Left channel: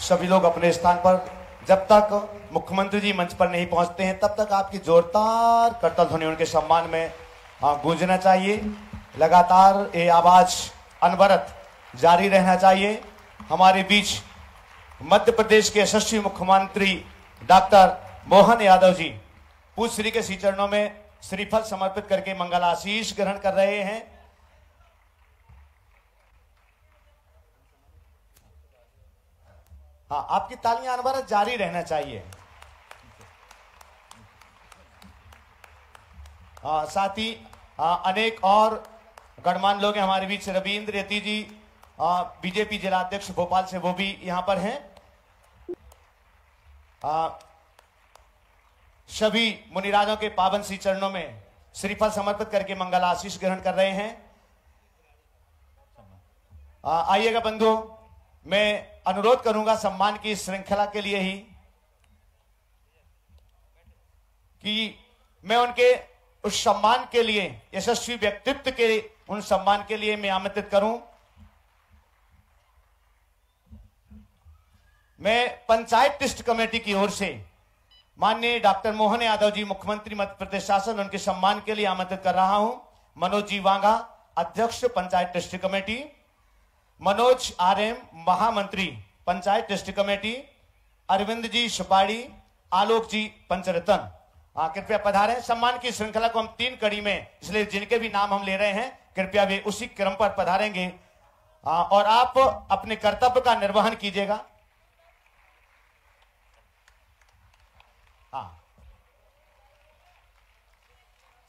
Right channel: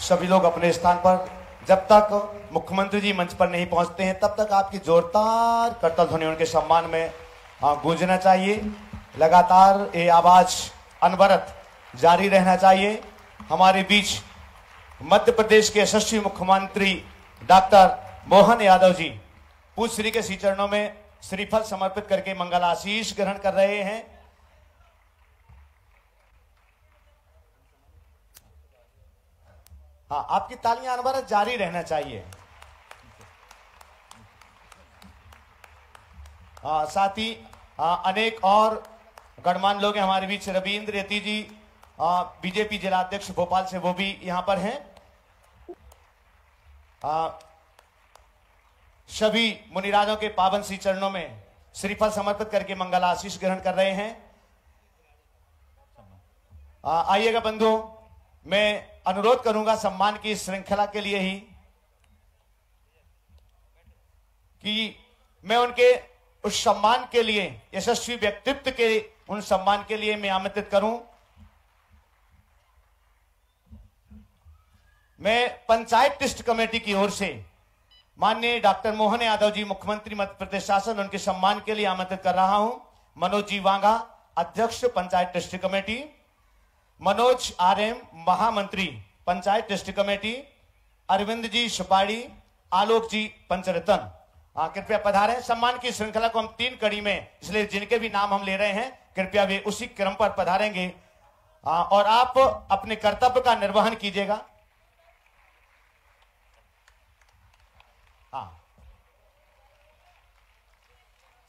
सभी लोग अपने स्थान पर, जब तक मुख्यमंत्री जी मंच पर नहीं पहुंचते हैं तब तक आपकी जोरदार करतल ध्वनि उनके सम्मान में गूंजना चाहिए। लगातार ये आवाज अनवरत जारी रहना चाहिए। हमारे बीच मध्य प्रदेश के यशस्वी मुख्यमंत्री डॉक्टर मोहन यादव जी पूज्य श्री के श्री चरणों में श्रीफल समर्पित करके मंगल आशीष ग्रहण कर रहे हैं। हाँ, आपकी तालियां अनवरत जारी रहना चाहिए। साथ ही अनेक और गणमान्य लोग हैं हमारे बीच। रविंद्र यति जी बीजेपी जिला अध्यक्ष भोपाल से, वो भी यहां पर हैं। सभी मुनिराजों के पावन श्री चरणों में श्रीफल समर्पित करके मंगल आशीष ग्रहण कर रहे हैं। आइएगा बंधुओं, मैं अनुरोध करूंगा सम्मान की श्रृंखला के लिए ही कि मैं उनके उस सम्मान के लिए, यशस्वी व्यक्तित्व के उन सम्मान के लिए मैं आमंत्रित करूं। मैं पंचायत ट्रस्ट कमेटी की ओर से माननीय डॉक्टर मोहन यादव जी मुख्यमंत्री मध्य प्रदेश शासन, उनके सम्मान के लिए आमंत्रित कर रहा हूं। मनोज जी वांगा अध्यक्ष panchayat trust committee, Manoj RM महामंत्री पंचायत ट्रस्ट कमेटी, अरविंद जी सुपाड़ी, आलोक जी पंचरतन, कृपया पधारें। सम्मान की श्रृंखला को हम 3 कड़ी में, इसलिए जिनके भी नाम हम ले रहे हैं कृपया वे उसी क्रम पर पधारेंगे और आप अपने कर्तव्य का निर्वहन कीजिएगा।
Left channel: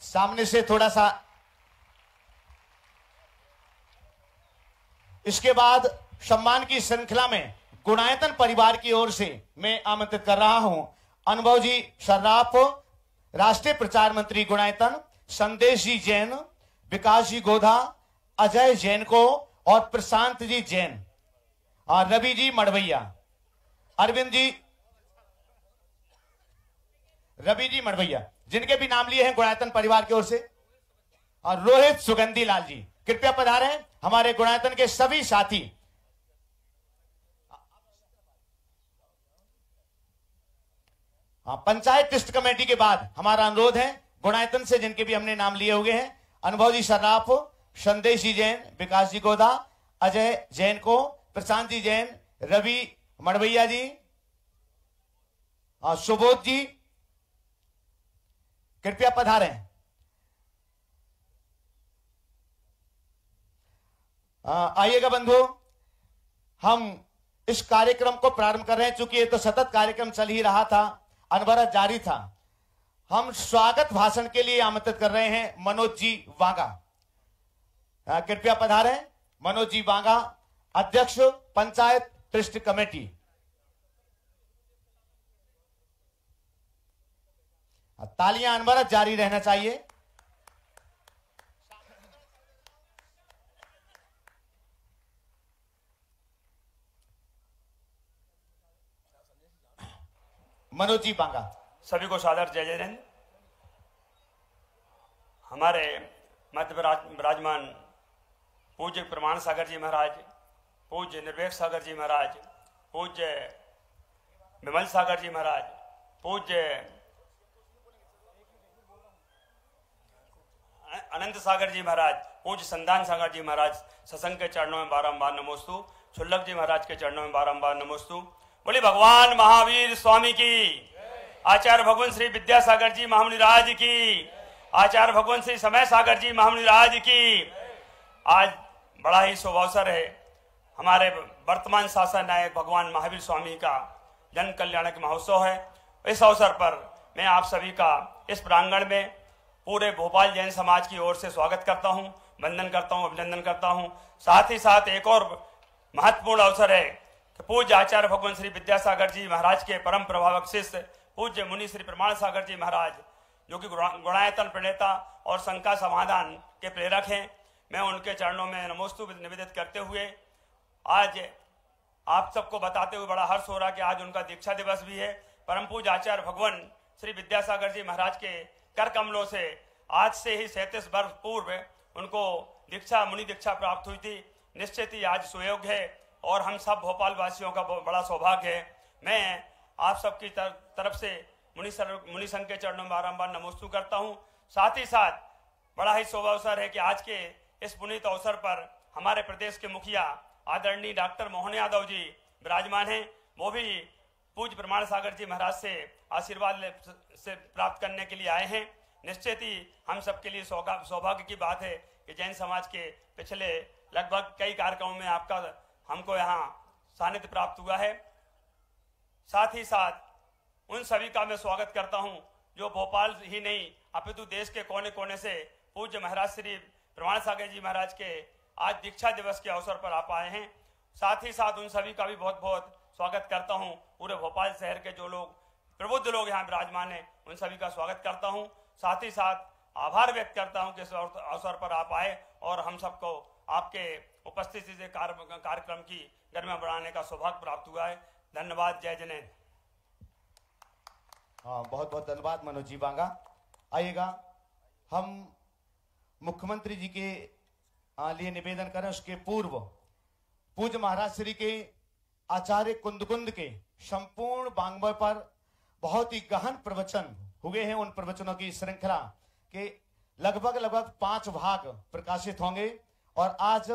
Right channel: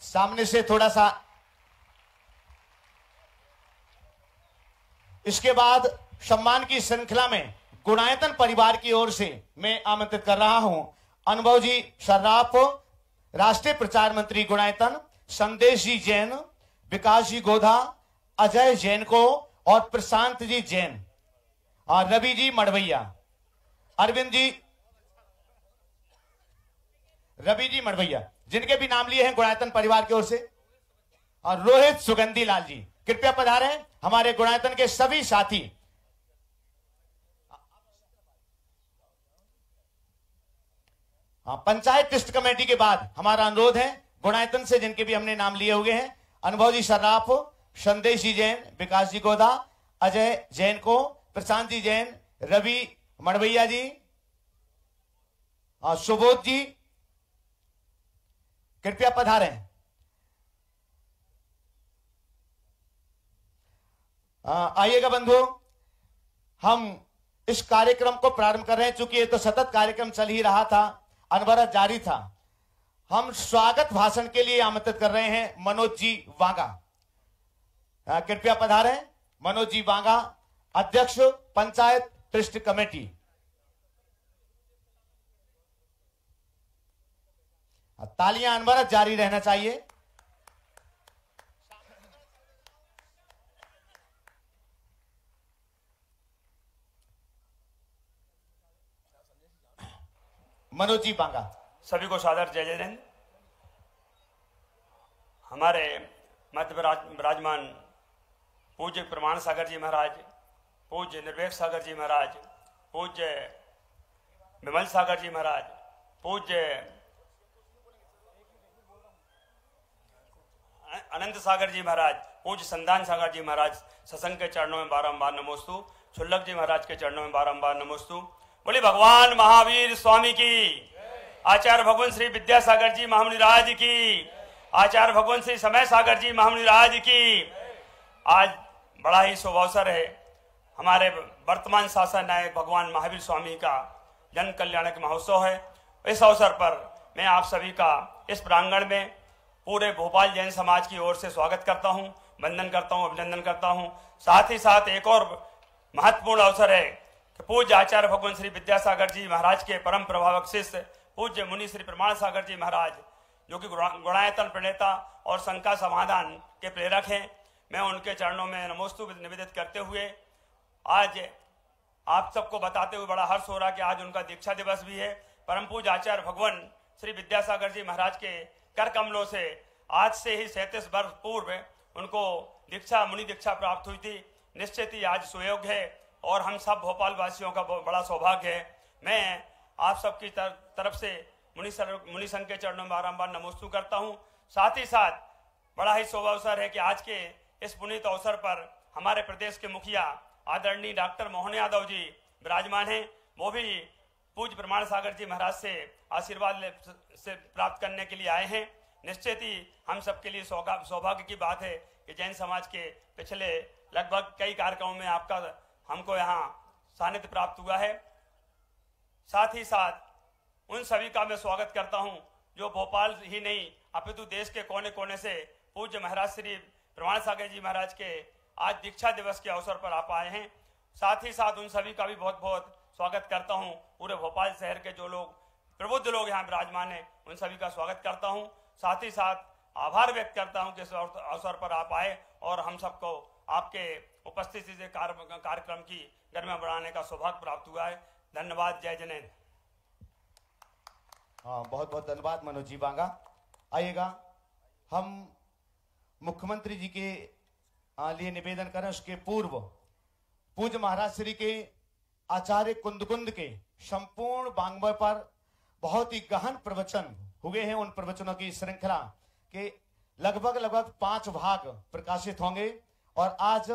सामने से थोड़ा सा। इसके बाद सम्मान की श्रृंखला में गुणायतन परिवार की ओर से मैं आमंत्रित कर रहा हूं अनुभव जी सर्राफ, राष्ट्रीय प्रचार मंत्री गुणायतन, संदेश जी जैन, विकास जी गोधा, अजय जैन को और प्रशांत जी जैन और रवि जी मड़वैया, अरविंद जी, रवि जी मड़वैया, जिनके भी नाम लिए हैं गुणायतन परिवार की ओर से, और रोहित सुगंधी लाल जी कृपया पधारें। हमारे गुणायतन के सभी साथी पंचायत ट्रस्ट कमेटी के बाद हमारा अनुरोध है गुणायतन से जिनके भी हमने नाम लिए हुए हैं, अनुभव जी सर्राफ, संदेश जी जैन, विकास जी गोधा, अजय जैन को, प्रशांत जी जैन, रवि मड़वैया जी, सुबोध जी कृपया पधारें। आइएगा बंधुओं, हम इस कार्यक्रम को प्रारंभ कर रहे हैं। चूंकि ये तो सतत कार्यक्रम चल ही रहा था, अनवरत जारी था। हम स्वागत भाषण के लिए आमंत्रित कर रहे हैं मनोज जी वांगा, कृपया पधारें। मनोज जी वांगा अध्यक्ष पंचायत ट्रस्ट कमेटी। तालियां अनवरत जारी रहना चाहिए। मनोज जी बांगा। सभी को सादर जय जय। हमारे मध्य विराजमान पूज्य प्रमाण सागर जी महाराज, पूज्य निर्वेक सागर जी महाराज, पूज्य विमल सागर जी महाराज, पूज्य अनंत सागर जी महाराज, पूज्य संदान सागर जी महाराज, सत्संग के चरणों में बारंबार नमोस्तु। छुल्लक जी महाराज के चरणों में बारंबार नमोस्तु। बोली भगवान महावीर स्वामी की, आचार्य भगवान श्री विद्यासागर जी महामुनिराज की, आचार्य भगवान श्री समय सागर जी महामुनिराज की। आज बड़ा ही शुभ अवसर है। हमारे वर्तमान शासन नायक भगवान महावीर स्वामी का जन कल्याणक महोत्सव है। इस अवसर पर मैं आप सभी का इस प्रांगण में पूरे भोपाल जैन समाज की ओर से स्वागत करता हूं, वंदन करता हूं, अभिनंदन करता हूं। साथ ही साथ एक और महत्वपूर्ण अवसर है कि पूज्य आचार्य भगवान श्री विद्यासागर जी महाराज के परम प्रभावक शिष्य पूज्य मुनि श्री प्रमाण सागर जी महाराज, जो कि गुणायतन प्रणेता और शंका समाधान के प्रेरक हैं, मैं उनके चरणों में नमोस्तु निवेदित करते हुए आज आप सबको बताते हुए बड़ा हर्ष हो रहा कि आज उनका दीक्षा दिवस भी है। परम पूज्य आचार्य भगवान श्री विद्यासागर जी महाराज के कर कमलों से आज से ही 37 वर्ष पूर्व उनको दीक्षा, मुनि दीक्षा प्राप्त हुई थी। निश्चित ही आज सुयोग है और हम सब भोपाल वासियों का बहुत बड़ा सौभाग्य है। मैं आप सबकी तरफ से मुनि संघ के चरणों में बारंबार नमोस्तु करता हूं। साथ ही साथ बड़ा ही शोभा अवसर है कि आज के इस पुनीत अवसर पर हमारे प्रदेश के मुखिया आदरणीय डॉक्टर मोहन यादव जी विराजमान हैं। वो भी पूज्य प्रमाण सागर जी महाराज से आशीर्वाद से प्राप्त करने के लिए आए हैं। निश्चित ही हम सबके लिए सौभाग्य की बात है कि जैन समाज के पिछले लगभग कई कार्यक्रमों में आपका हमको यहाँ सानिध्य प्राप्त हुआ है। साथ ही साथ उन सभी का मैं स्वागत करता हूं जो भोपाल ही नहीं अपितु देश के कोने कोने से पूज्य महाराज श्री प्रमाण सागर जी महाराज के आज दीक्षा दिवस के अवसर पर आप आए हैं। साथ ही साथ उन सभी का भी बहुत बहुत स्वागत करता हूं। पूरे भोपाल शहर के जो लोग प्रबुद्ध लोग यहाँ विराजमान हैं उन सभी का स्वागत करता हूं। साथ ही साथ आभार व्यक्त करता हूं कि इस अवसर पर आप आए और हम सबको आपके उपस्थिति से कार्यक्रम की गरिमा बढ़ाने का सौभाग्य प्राप्त हुआ है। धन्यवाद। जय जैन। बहुत बहुत धन्यवाद मनोज जी बांगा। आइएगा हम मुख्यमंत्री जी के लिए निवेदन करें। उसके पूर्व पूज्य महाराज श्री के आचार्य कुंद के संपूर्ण वाङ्मय पर बहुत ही गहन प्रवचन हुए हैं। उन प्रवचनों की श्रृंखला के लगभग 5 भाग प्रकाशित होंगे और आज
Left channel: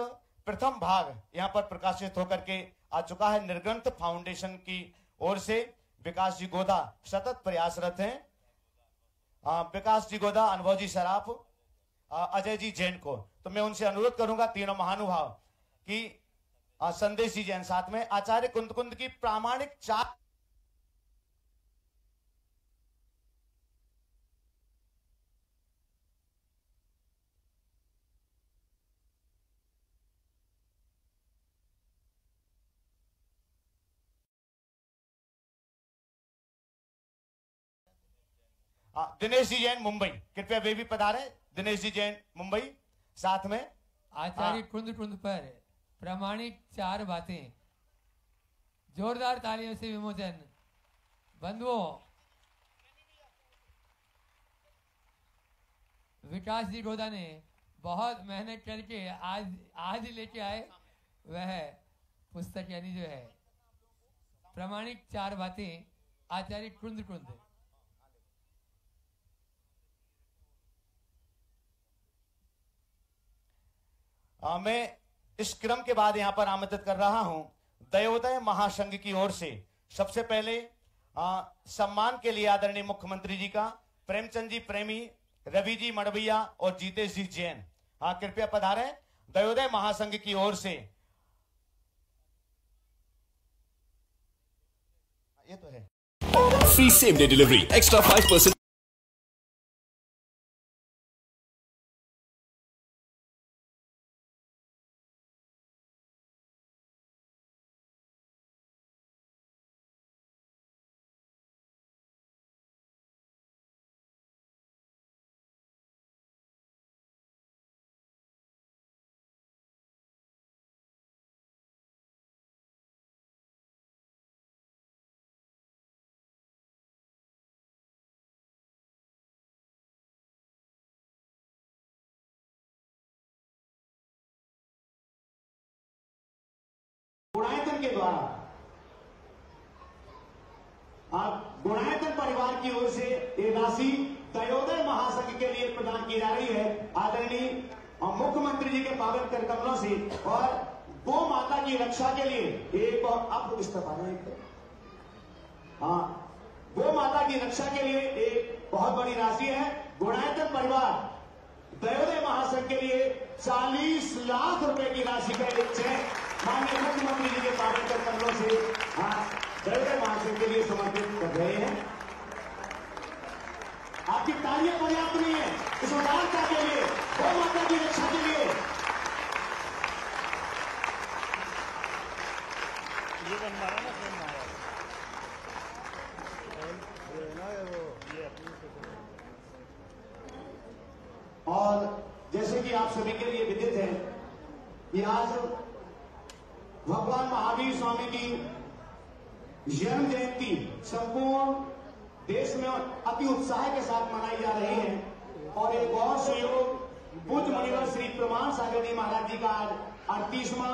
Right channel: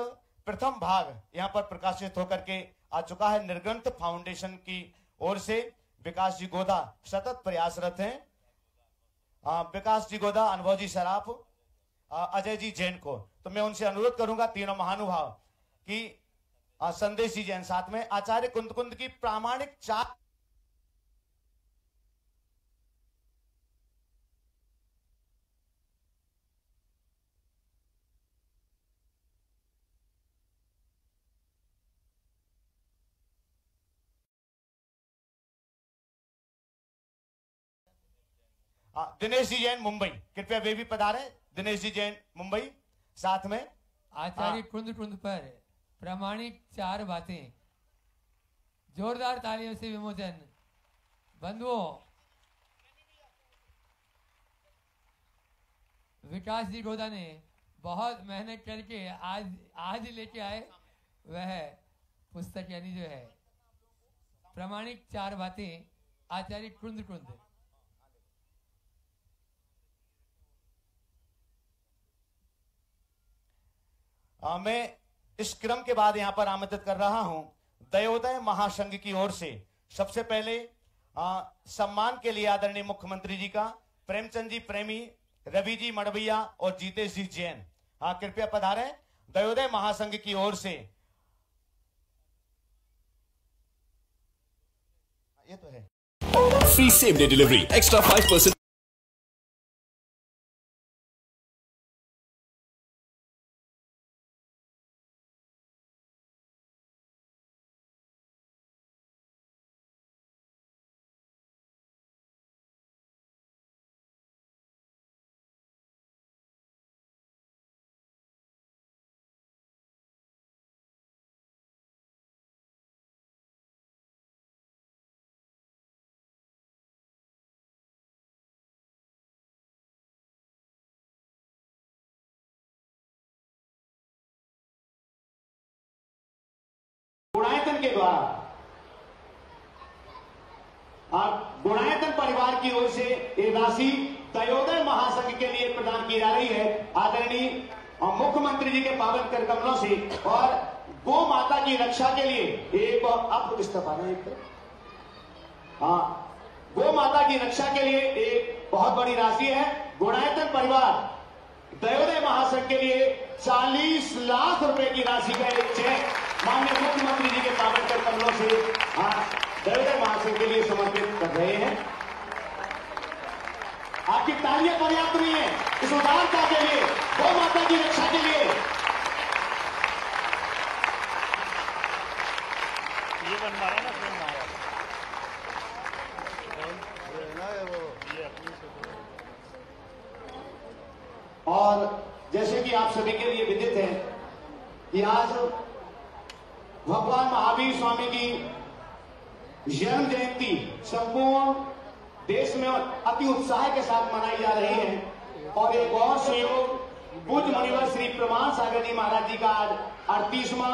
प्रथम भाग यहाँ पर प्रकाशित होकर के आ चुका है। निर्ग्रंथ फाउंडेशन की ओर से विकास जी गोदा सतत प्रयासरत हैं। विकास जी गोदा, अनुभव जी सराफ, अजय जी जैन को तो मैं उनसे अनुरोध करूंगा तीनों महानुभाव की संदेश जी जैन साथ में आचार्य कुंद की प्रामाणिक 4 दिनेश जी जैन मुंबई, कृपया वे भी पधारे। दिनेश जी जैन मुंबई साथ में आचार्य कुंद पर प्रामाणिक 4 बातें। जोरदार तालियों से विमोचन। बंधुओं, विकास जी गोदा ने बहुत मेहनत करके आज लेके आए वह पुस्तक, यानी जो है प्रामाणिक 4 बातें आचार्य कुंद। मैं इस क्रम के बाद यहां पर आमंत्रित कर रहा हूं दयोदय महासंघ की ओर से सबसे पहले सम्मान के लिए आदरणीय मुख्यमंत्री जी का प्रेमचंद जी प्रेमी, रवि जी मड़वैया और जीतेश जी जैन कृपया पधारें। दयोदय महासंघ की ओर से ये तो है free same day delivery, extra 5%। Gunayatan के द्वारा गुणायतन परिवार की ओर से ये राशि दयोदय महासंघ के लिए प्रदान की जा रही है आदरणीय मुख्यमंत्री जी के पावन कर कमलों से। और गो माता की रक्षा के लिए एक आप इस्तीफा दें, गो माता की रक्षा के लिए एक बहुत बड़ी राशि है। गुणायतन परिवार दयोदय महासंघ के लिए 40 लाख रुपए की राशि का एक चेक माननीय मुख्यमंत्री जी के पावन कर कमलों से दयोदय महासंघ के लिए समर्पित कर रहे हैं। आपकी तालियां पर्याप्त नहीं है इस उदारता के लिए, गौ माता की रक्षा के लिए। ये बनवा रहा है ना और जैसे कि आप सभी के लिए विदित है कि आज भगवान महावीर स्वामी की जन्म जयंती संपूर्ण देश में अति उत्साह के साथ मनाई जा रही है। और एक और संयोग पूज्य मुनिवर श्री प्रमाण सागर जी महाराज जी का आज 38वां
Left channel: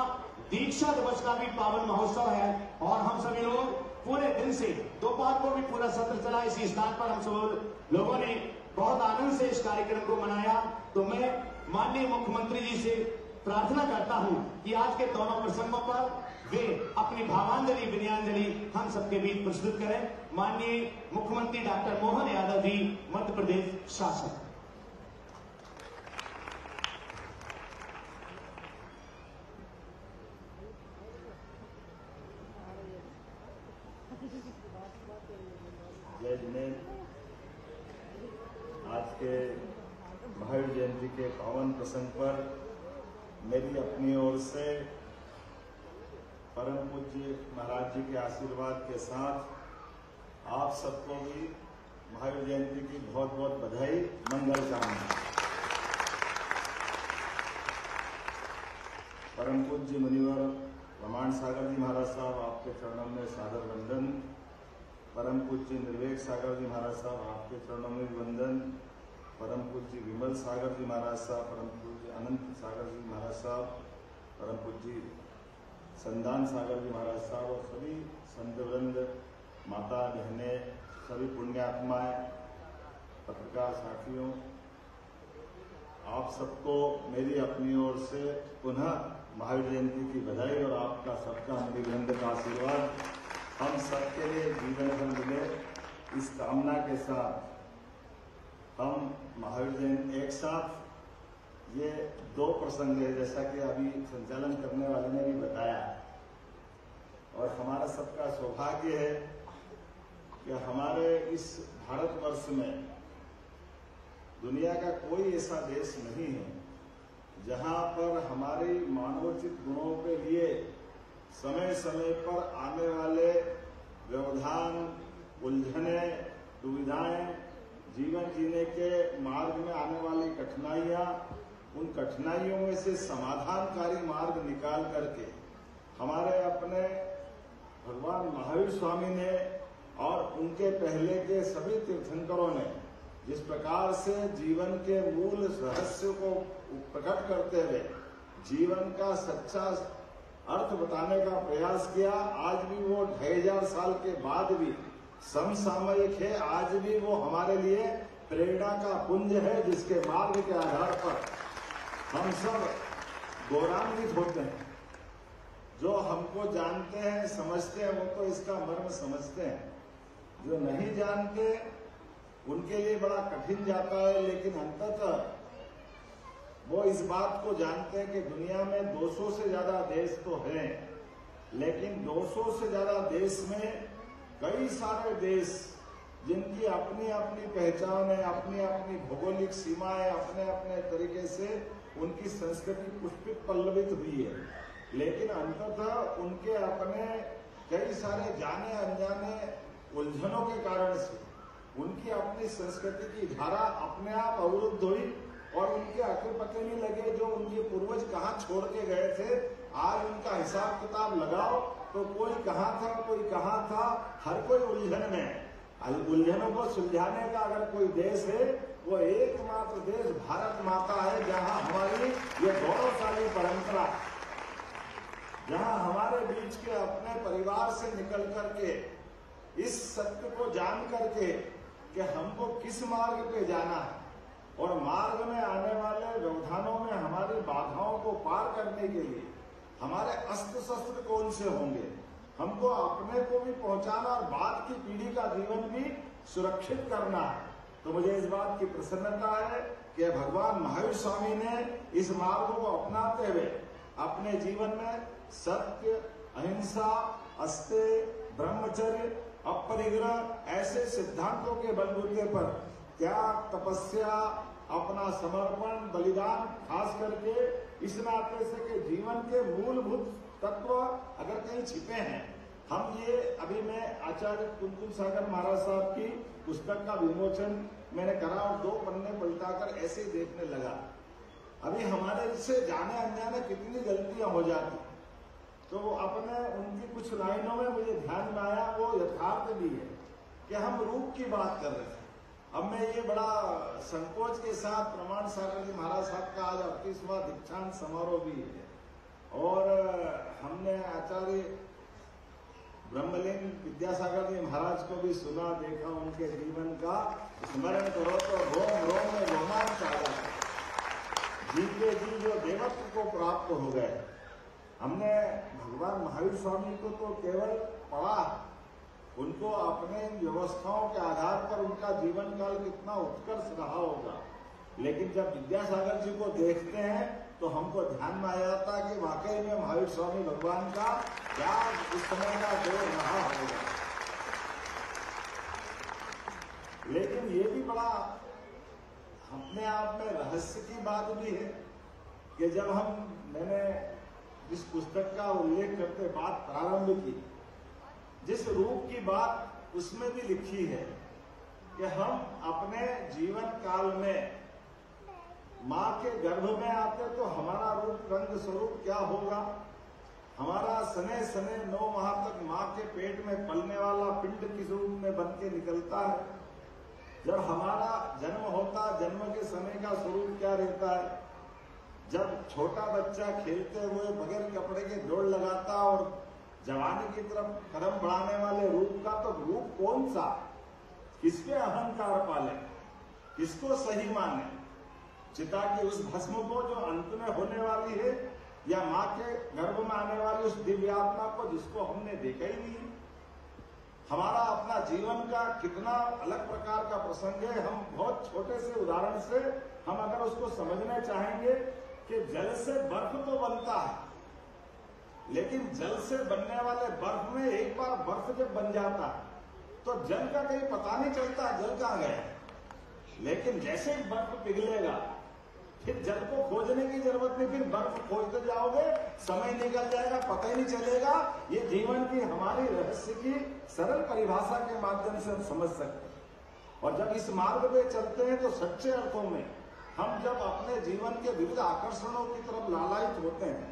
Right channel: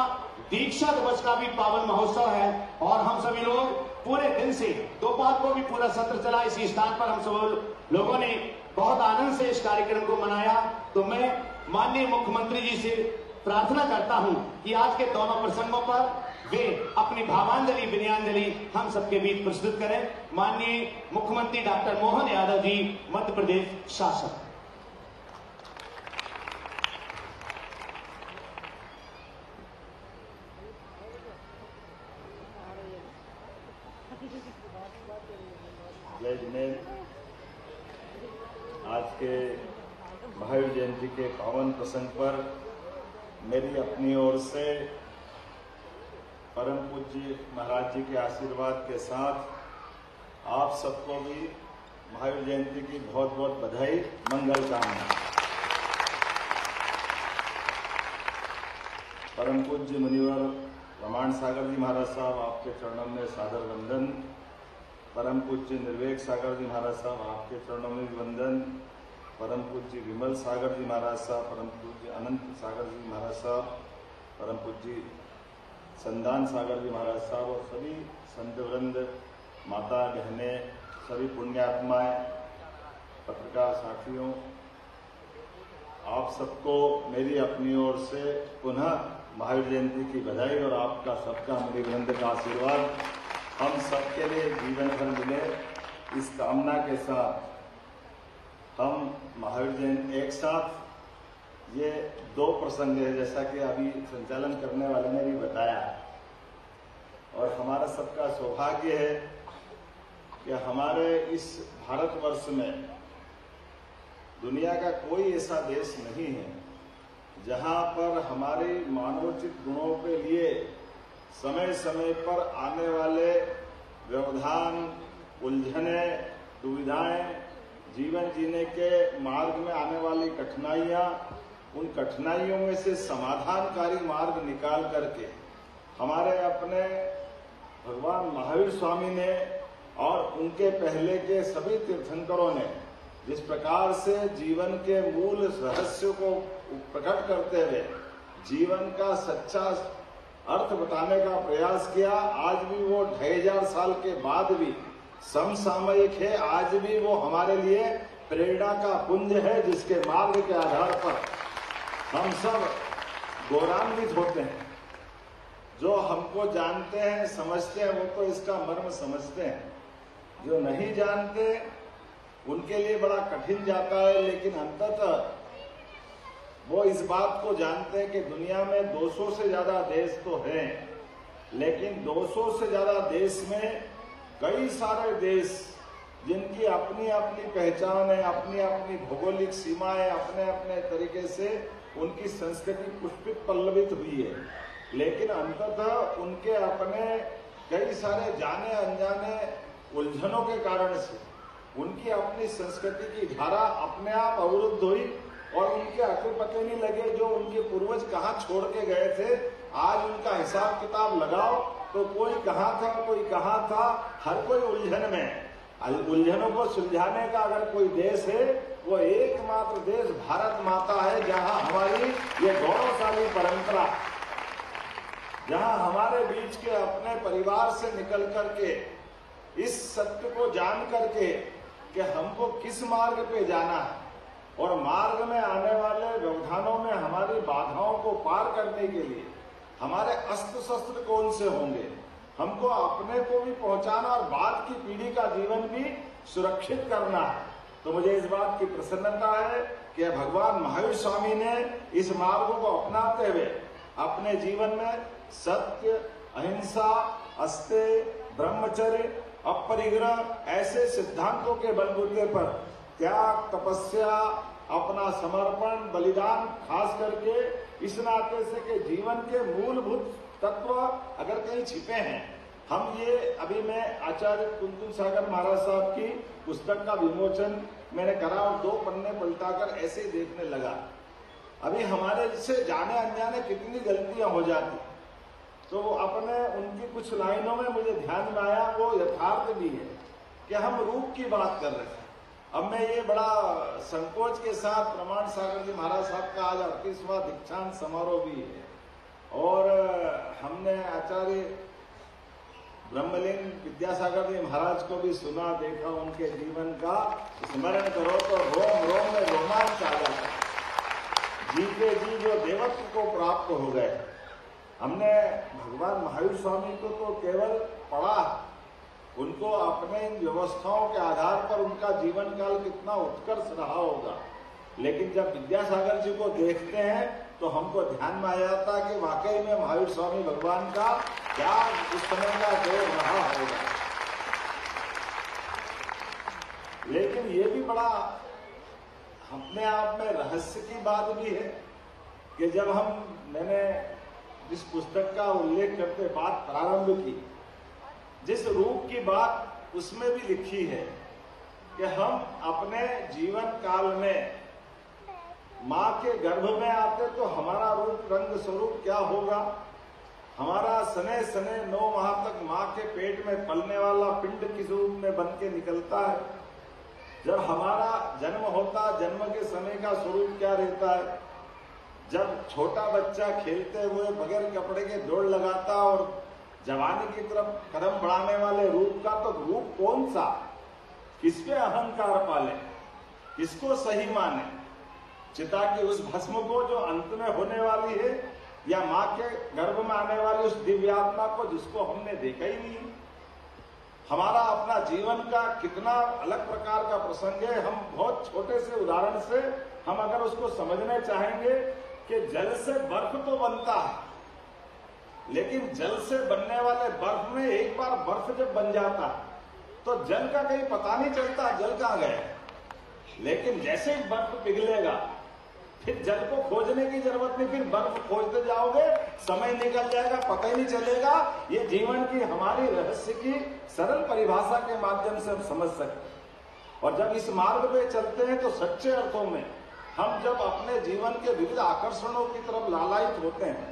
दीक्षा दिवस का भी पावन महोत्सव है और हम सभी लोग पूरे दिन से दोपहर को भी पूरा सत्र चला। इसी स्थान पर हम सब लोगों ने बहुत आनंद से इस कार्यक्रम को मनाया। तो मैं माननीय मुख्यमंत्री जी से प्रार्थना करता हूं कि आज के दोनों प्रसंगों पर वे अपनी भावांजलि विनयांजलि हम सबके बीच प्रस्तुत करें। माननीय मुख्यमंत्री डॉक्टर मोहन यादव जी, मध्य प्रदेश शासन। जय जिनेन्द्र, आज के महावीर जयंती के पावन प्रसंग पर मेरी अपनी ओर से परम पूज्य महाराज जी के आशीर्वाद के साथ आप सबको भी महावीर जयंती की बहुत बहुत बधाई, मंगल कामना। परम पूज्य मुनिवर प्रमाण सागर जी महाराज साहब, आपके चरणों में सादर वंदन। परम पूज्य निर्वेक सागर जी महाराज साहब, आपके चरणों में भी वंदन। परम पूज्य विमल सागर जी महाराज साहब, परम पूज्य अनंत सागर जी महाराज साहब, परम पूज्य संदान सागर जी महाराज साहब और सभी संत वृंद, माता बहने, सभी पुण्यात्माएं, पत्रकार साथियों, आप सबको मेरी अपनी ओर से पुनः महावीर जयंती की बधाई और आपका सबका मणिवृंद का आशीर्वाद हम सबके लिए जीवन भर मिले, इस कामना के साथ हम महावीर जयंती एक साथ ये दो प्रसंग है, जैसा कि अभी संचालन करने वाले ने भी बताया। और हमारा सबका सौभाग्य है कि हमारे इस भारतवर्ष में दुनिया का कोई ऐसा देश नहीं है जहां पर हमारे मानवोचित गुणों के लिए समय समय पर आने वाले व्यवधान, उलझने, दुविधाएं, जीवन जीने के मार्ग में आने वाली कठिनाइयां, उन कठिनाइयों में से समाधानकारी मार्ग निकाल करके हमारे अपने भगवान महावीर स्वामी ने और उनके पहले के सभी तीर्थंकरों ने जिस प्रकार से जीवन के मूल रहस्य को प्रकट करते हुए जीवन का सच्चा अर्थ बताने का प्रयास किया, आज भी वो 2500 साल के बाद भी समसामयिक है। आज भी वो हमारे लिए प्रेरणा का पुंज है, जिसके मार्ग के आधार पर हम सब गौरवान्वित होते हैं। जो हमको जानते हैं, समझते हैं, वो तो इसका मर्म समझते हैं। जो नहीं जानते उनके लिए बड़ा कठिन जाता है, लेकिन अंततः वो इस बात को जानते हैं कि दुनिया में 200 से ज्यादा देश तो हैं, लेकिन 200 से ज्यादा देश में कई सारे देश जिनकी अपनी अपनी पहचान है, अपनी अपनी भौगोलिक सीमाएं, अपने अपने तरीके से उनकी संस्कृति पुष्पित पल्लवित हुई है, लेकिन अंततः उनके अपने कई सारे जाने अनजाने उलझनों के कारण से उनकी अपनी संस्कृति की धारा अपने आप अवरुद्ध हुई और उनके अकल पते नहीं लगे जो उनके पूर्वज कहाँ छोड़ के गए थे। आज उनका हिसाब किताब लगाओ तो कोई कहाँ था, कोई कहाँ था, हर कोई उलझन में। उलझनों को सुलझाने का अगर कोई देश है, वो एकमात्र देश भारत माता है, जहाँ हमारी ये गौरवशाली परंपरा, जहाँ हमारे बीच के अपने परिवार से निकल करके इस सत्य को जान करके कि हमको किस मार्ग पे जाना है और मार्ग में आने वाले व्यवधानों में हमारी बाधाओं को पार करने के लिए हमारे अस्त्र शस्त्र कौन से होंगे, हमको अपने को भी पहुंचाना और बाद की पीढ़ी का जीवन भी सुरक्षित करना है। तो मुझे इस बात की प्रसन्नता है कि भगवान महावीर स्वामी ने इस मार्ग को अपनाते हुए अपने जीवन में सत्य, अहिंसा, अस्तेय, ब्रह्मचर्य, अपरिग्रह ऐसे सिद्धांतों के बलबूते पर त्याग, तपस्या, अपना समर्पण, बलिदान, खास करके इस नाते से कि जीवन के मूलभूत तत्व अगर कहीं छिपे हैं, हम ये अभी मैं आचार्य कुंतल सागर महाराज साहब की पुस्तक का विमोचन मैंने करा और 2 पन्ने पलटाकर ऐसे ही देखने लगा। अभी हमारे से जाने अनजाने कितनी गलतियां हो जाती, तो अपने उनकी कुछ लाइनों में मुझे ध्यान में आया, वो यथार्थ भी है कि हम रूप की बात कर रहे थे। अब मैं ये बड़ा संकोच के साथ प्रमाण सागर जी महाराज साहब का आज 38वां दीक्षांत समारोह भी है और हमने आचार्य ब्रह्मलीन विद्यासागर जी महाराज को भी सुना, देखा, उनके जीवन का स्मरण करो तो रोम रोम में रोमांच आ जाता है। जीते जी जो देवत्व को प्राप्त हो गए। हमने भगवान महावीर स्वामी को तो केवल पढ़ा, उनको अपने इन व्यवस्थाओं के आधार पर उनका जीवन काल कितना उत्कर्ष रहा होगा, लेकिन जब विद्यासागर जी को देखते हैं तो हमको ध्यान में आ जाता कि वाकई में महावीर स्वामी भगवान का क्या उस समय का दौर रहा होगा। लेकिन ये भी बड़ा अपने आप में रहस्य की बात भी है कि जब मैंने जिस पुस्तक का उल्लेख करते बात प्रारंभ की, जिस रूप की बात उसमें भी लिखी है कि हम अपने जीवन काल में माँ के गर्भ में आते तो हमारा रूप रंग स्वरूप क्या होगा। हमारा सने सने 9 माह तक माँ के पेट में पलने वाला पिंड किस रूप में बन के निकलता है। जब हमारा जन्म होता, जन्म के समय का स्वरूप क्या रहता है। जब छोटा बच्चा खेलते हुए बगैर कपड़े के दौड़ लगाता और जवानी की तरफ कदम बढ़ाने वाले रूप का, तो रूप कौन सा, किस पे अहंकार पाले, किसको सही माने, चिता की उस भस्म को जो अंत में होने वाली है, या माँ के गर्भ में आने वाली उस दिव्यात्मा को जिसको हमने देखा ही नहीं। हमारा अपना जीवन का कितना अलग प्रकार का प्रसंग है। हम बहुत छोटे से उदाहरण से हम अगर उसको समझने चाहेंगे कि जल से बर्फ तो बनता है, लेकिन जल से बनने वाले बर्फ में एक बार बर्फ जब बन जाता तो जल का कहीं पता नहीं चलता जल कहाँ गया। लेकिन जैसे ही बर्फ पिघलेगा फिर जल को खोजने की जरूरत नहीं, फिर बर्फ खोजते जाओगे, समय निकल जाएगा, पता ही नहीं चलेगा। ये जीवन की हमारी रहस्य की सरल परिभाषा के माध्यम से हम समझ सकते हैं। और जब इस मार्ग पे चलते हैं तो सच्चे अर्थों में हम जब अपने जीवन के विविध आकर्षणों की तरफ लालायित होते हैं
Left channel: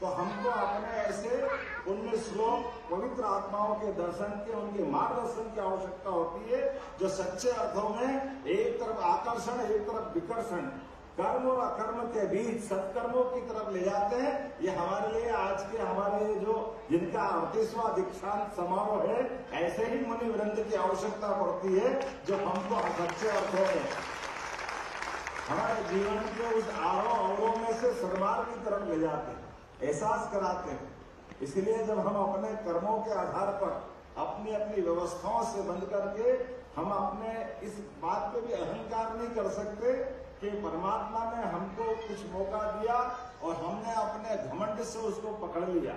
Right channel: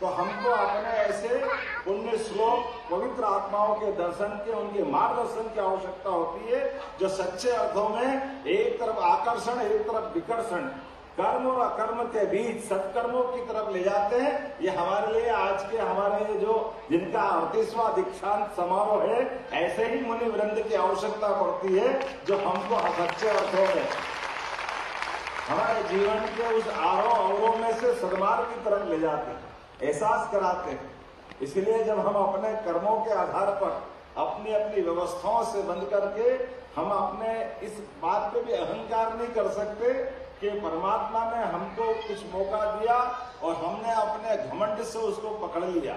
तो हमको अपने ऐसे पुण्य श्लोक पवित्र आत्माओं के दर्शन के, उनके मार्गदर्शन की आवश्यकता होती है, जो सच्चे अर्थों में एक तरफ आकर्षण, एक तरफ विकर्षण, कर्म और अकर्म के बीच सत्कर्मों की तरफ ले जाते हैं। ये हमारे लिए आज के हमारे जो जिनका 38वां दीक्षांत समारोह है, ऐसे ही मुनि वृंद की आवश्यकता पड़ती है जो हमको सच्चे अर्थों में हमारे जीवन के उस आरोह अवरोह में से सद्मार्ग की तरफ ले जाते हैं, एहसास कराते हैं। इसलिए जब हम अपने कर्मों के आधार पर अपनी अपनी व्यवस्थाओं से बंद करके हम अपने इस बात पे भी अहंकार नहीं कर सकते कि परमात्मा ने हमको कुछ मौका दिया और हमने अपने घमंड से उसको पकड़ लिया।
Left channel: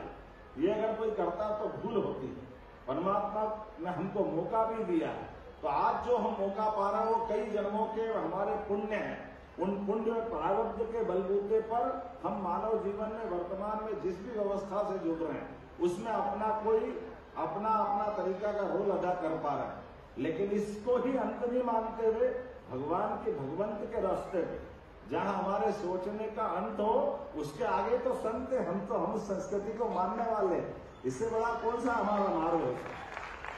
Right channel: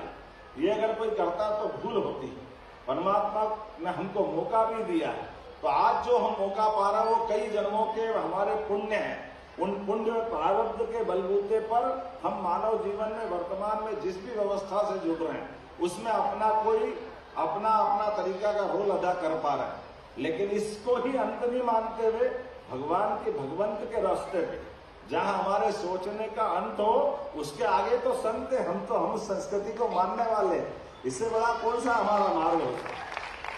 ये अगर कोई करता तो भूल होती है। परमात्मा ने हमको मौका भी दिया है, तो आज जो हम मौका पा रहे हैं वो कई जन्मों के हमारे पुण्य हैं। उन पुण्य प्रारब्ध के बलबूते पर हम मानव जीवन में वर्तमान में जिस भी व्यवस्था से जुड़ रहे हैं उसमें अपना अपना तरीका का रोल अदा कर पा रहे हैं। लेकिन इसको ही अंत नहीं मानते हुए भगवंत के रास्ते पे जहाँ हमारे सोचने का अंत हो, उसके आगे तो संत है। हम संस्कृति को मानने वाले, इससे बड़ा कौन सा हमारा मार्ग होता है।